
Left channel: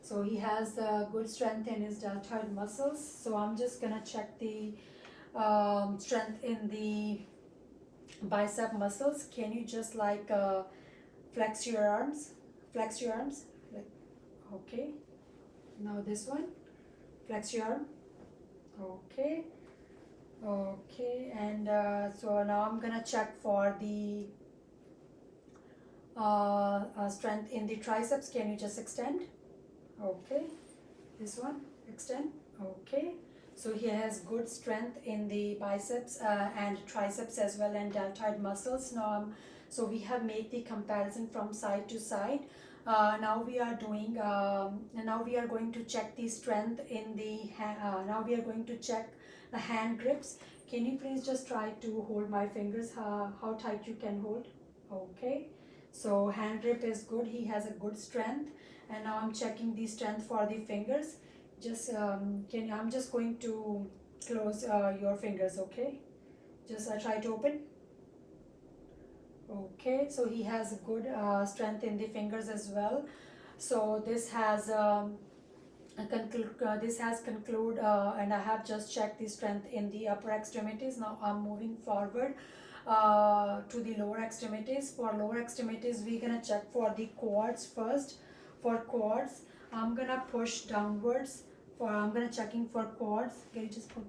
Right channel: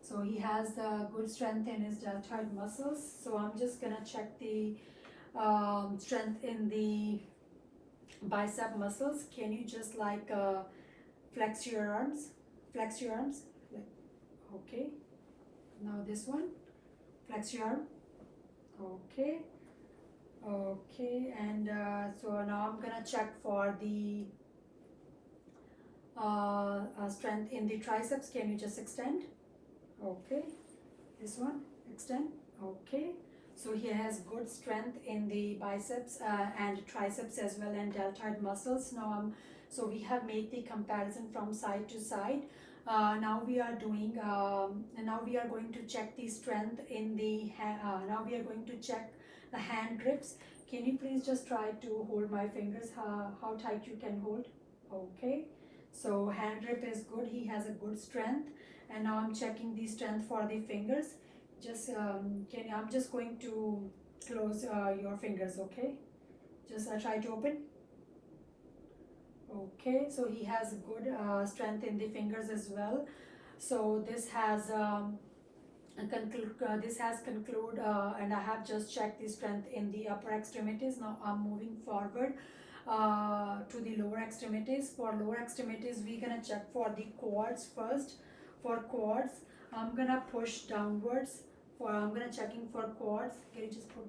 so he has the good strength in his deltoid muscles. So I'm just gonna check the strength in the bicep muscles. Can you just like flex your arms? Flex your arms. Like, okay. Now this one. Flex your arm. Okay. Okay. And so now I'm gonna check for the strength in the triceps. Can you just extend? Okay. This one. Extend. Okay. So he has good strength in the biceps and triceps as well, and deltoid muscles. So we have made the comparison from side to side. Now we are doing. Now we are going to check the strength in the. Now we are going to check the hand grips. Can you please just try to hold my fingers? How tight you can hold? Okay. So hand grip is good. He has a good strength, and now I'm checking the strength for the fingers. Just I'm just going to close your fingers. Okay, just try to open. Okay, so he has good strength in the fingers as well. So this has conclude and I have just checked the strength in the upper extremities. Now I'm moving forward to the lower extremities. For lower extremities, we're gonna check for the quads first. For quads, I'm gonna push downwards. I'm gonna checking for quads. Can you just put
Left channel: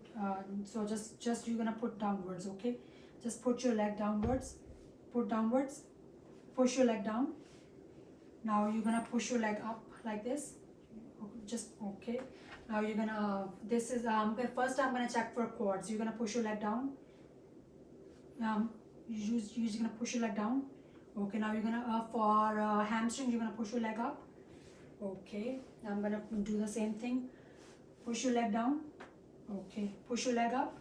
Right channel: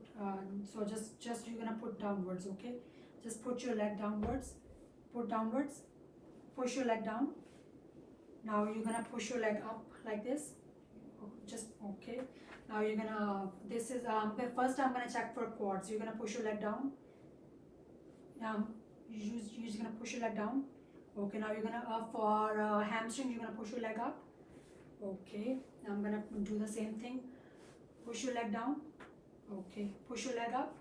so just you're gonna put downwards. Okay, just put your leg downwards. Put downwards. Push your leg down. Now you're gonna push your leg up like this. Just okay. Now you're gonna this is first I'm gonna check for quads. You're gonna push your leg down. You're just gonna push your leg down. Okay, now you're gonna for hamstring, you're gonna push your leg up. Okay, I'm gonna do the same thing. Push your leg down. Okay, push your leg up.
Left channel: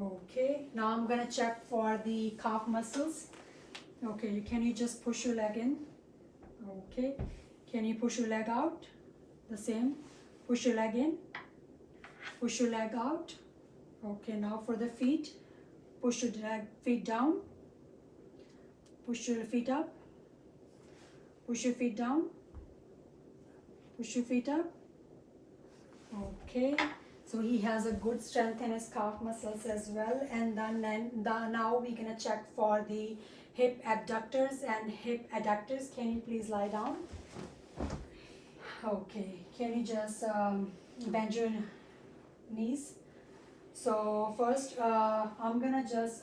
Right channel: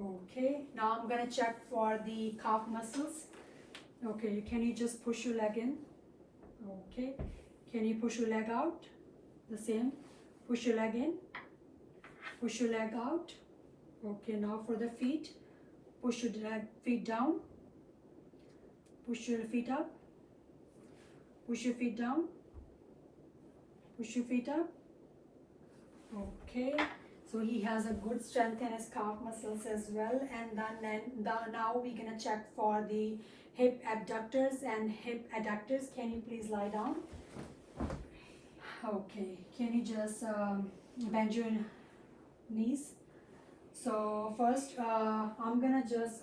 Okay, now I'm gonna check for the calf muscles. Okay, can you just push your leg in? Okay, can you push your leg out? The same. Push your leg in. Push your leg out. Okay, now for the feet. Push your feet down. Push your feet up. Push your feet down. Push your feet up. Okay, so he has a good strength in his calf muscles as well. And then now we're gonna check for the hip abductors and hip adductors. Can you please lie down? Okay, can you just bend your knees? So first I'm gonna just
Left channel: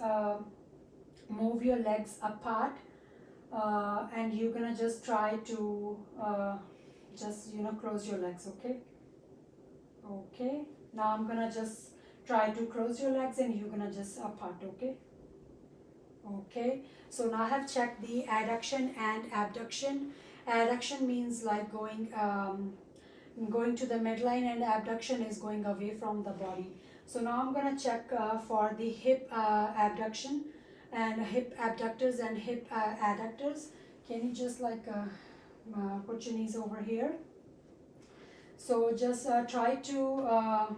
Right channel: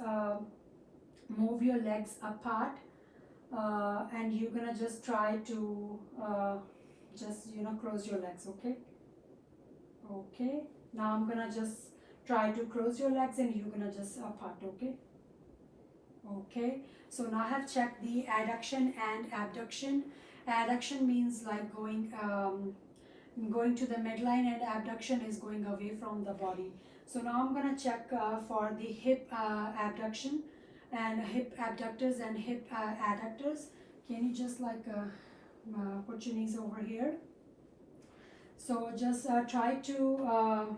move your legs apart, and you're gonna just try to just close your legs. Okay, Okay, now I'm gonna just try to close your legs and you're gonna just apart, okay? Okay, so now I have checked the adduction and abduction. Adduction means like going to the midline, and abduction is going away from the body. So now I'm gonna check for the hip abduction and hip abductors and hip adductors. Can you just like put your knees over here? So just try to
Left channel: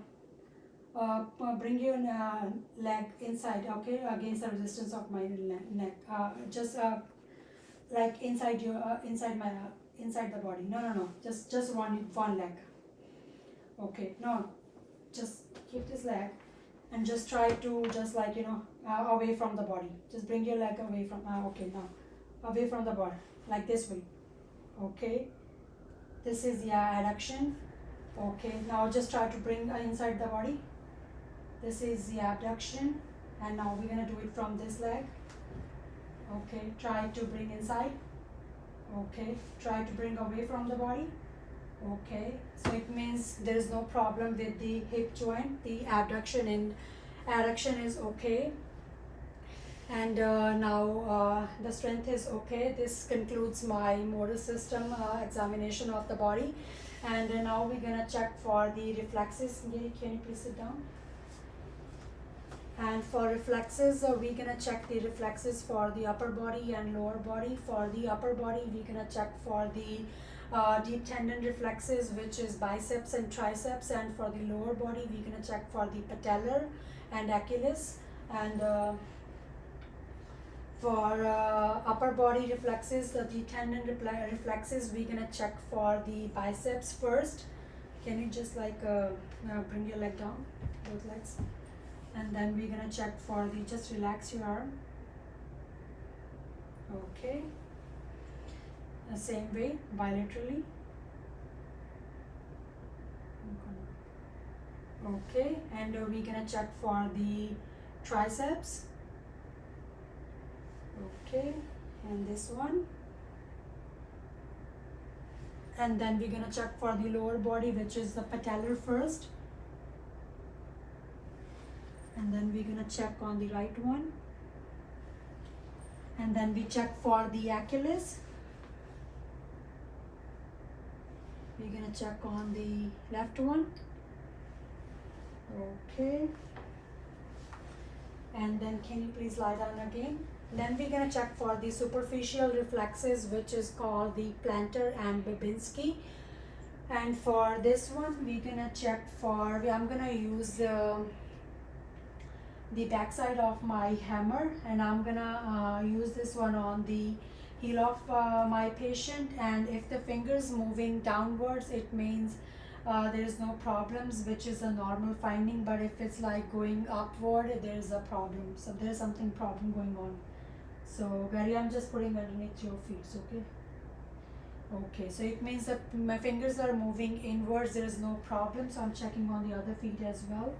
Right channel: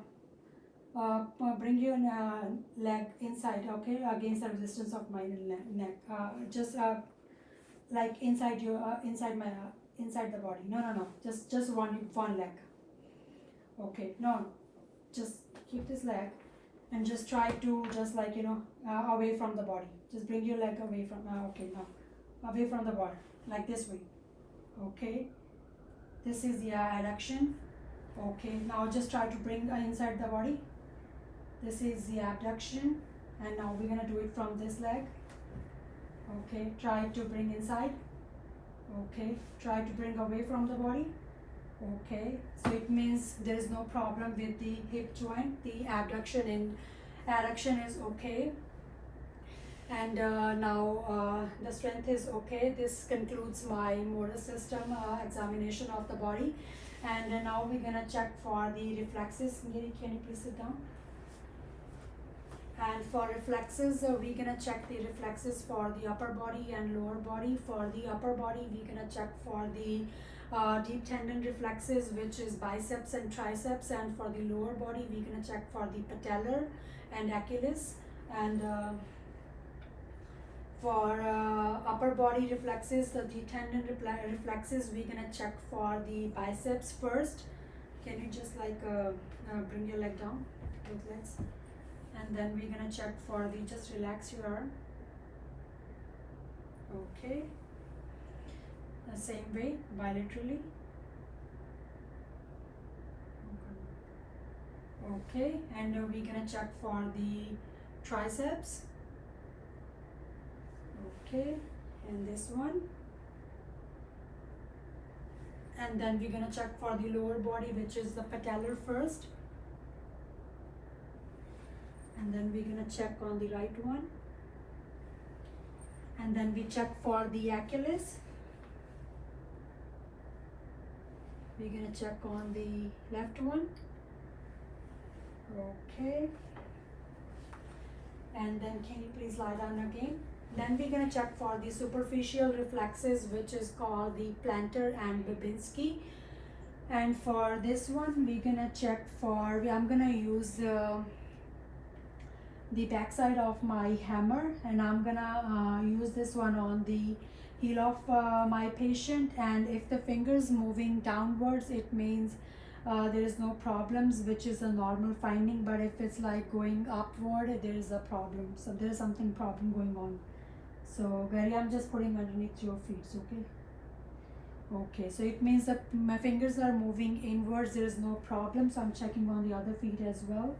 bring your leg inside, okay, against the resistance of my neck. Just like inside your inside the body. No. Just one leg. Okay, no, just keep this leg and just try to just like away from the body. Just bring your leg away from. Okay, now away from the body, like this way. Okay, this is the adduction. Okay, now just try to bring inside the body. This is the abduction, and now we're gonna do it from this leg. Okay, try to bring inside. Okay, try to bring away from the body. Okay, so it means there is no problem with the hip joint. The abduction and adduction is okay, and now the strength is okay. This concludes my motor system examination of the body, and now we're gonna check for the reflexes. Can you please sit down? And for reflexes, we're gonna check the reflexes for the upper body and lower body. For the upper body, we're gonna check for the deep tendon reflexes, which is biceps and triceps, and for the lower body, we're gonna check for the patellar and Achilles. And for upper body reflexes, the deep tendon reflexes, we're gonna check for the biceps first. Can you just like bring your leg down, both legs? And then we're gonna check for the, just relax your arm. Okay. The same way, bilaterally. Okay, and we're gonna check for the triceps. Okay, and this one. And then we're gonna check for the lower body, which is the patellar first. And then we're gonna check on the right one, and then we check for the Achilles. We're gonna check on the left one. Okay, and then can you please lie down again? Then we're gonna check for the superficial reflexes, which is called the plantar and Babinski. And for this one, we're gonna check for, I'm gonna use the backside of my hammer, and I'm gonna use this one on the heel of my patient. And if the fingers moving downwards, it means there is no problems, which is a normal finding. But if it's like going upward, there is a problem. So there is something problem going on. So Gary, I'm just putting underneath your feet, okay? Okay, so it means that my fingers are moving inwards, there is no problem. So I'm checking on the other feet as well.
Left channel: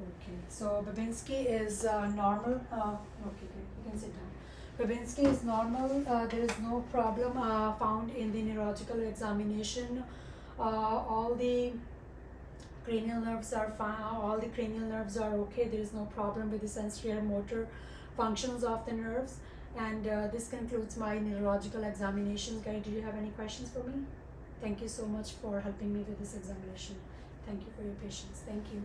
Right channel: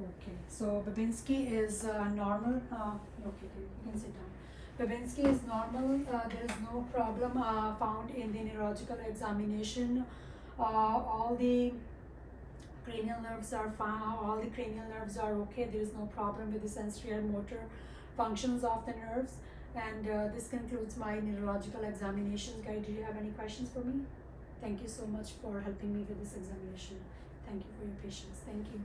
Okay, so Babinski is normal. Okay, you can sit down. Babinski is normal. There is no problem found in the neurological examination. All the cranial nerves are fine. All the cranial nerves are okay. There is no problem with the sensory or motor functions of the nerves. And this concludes my neurological examination. Guys, do you have any questions for me? Thank you so much for helping me with this examination. Thank you for your patience. Thank you.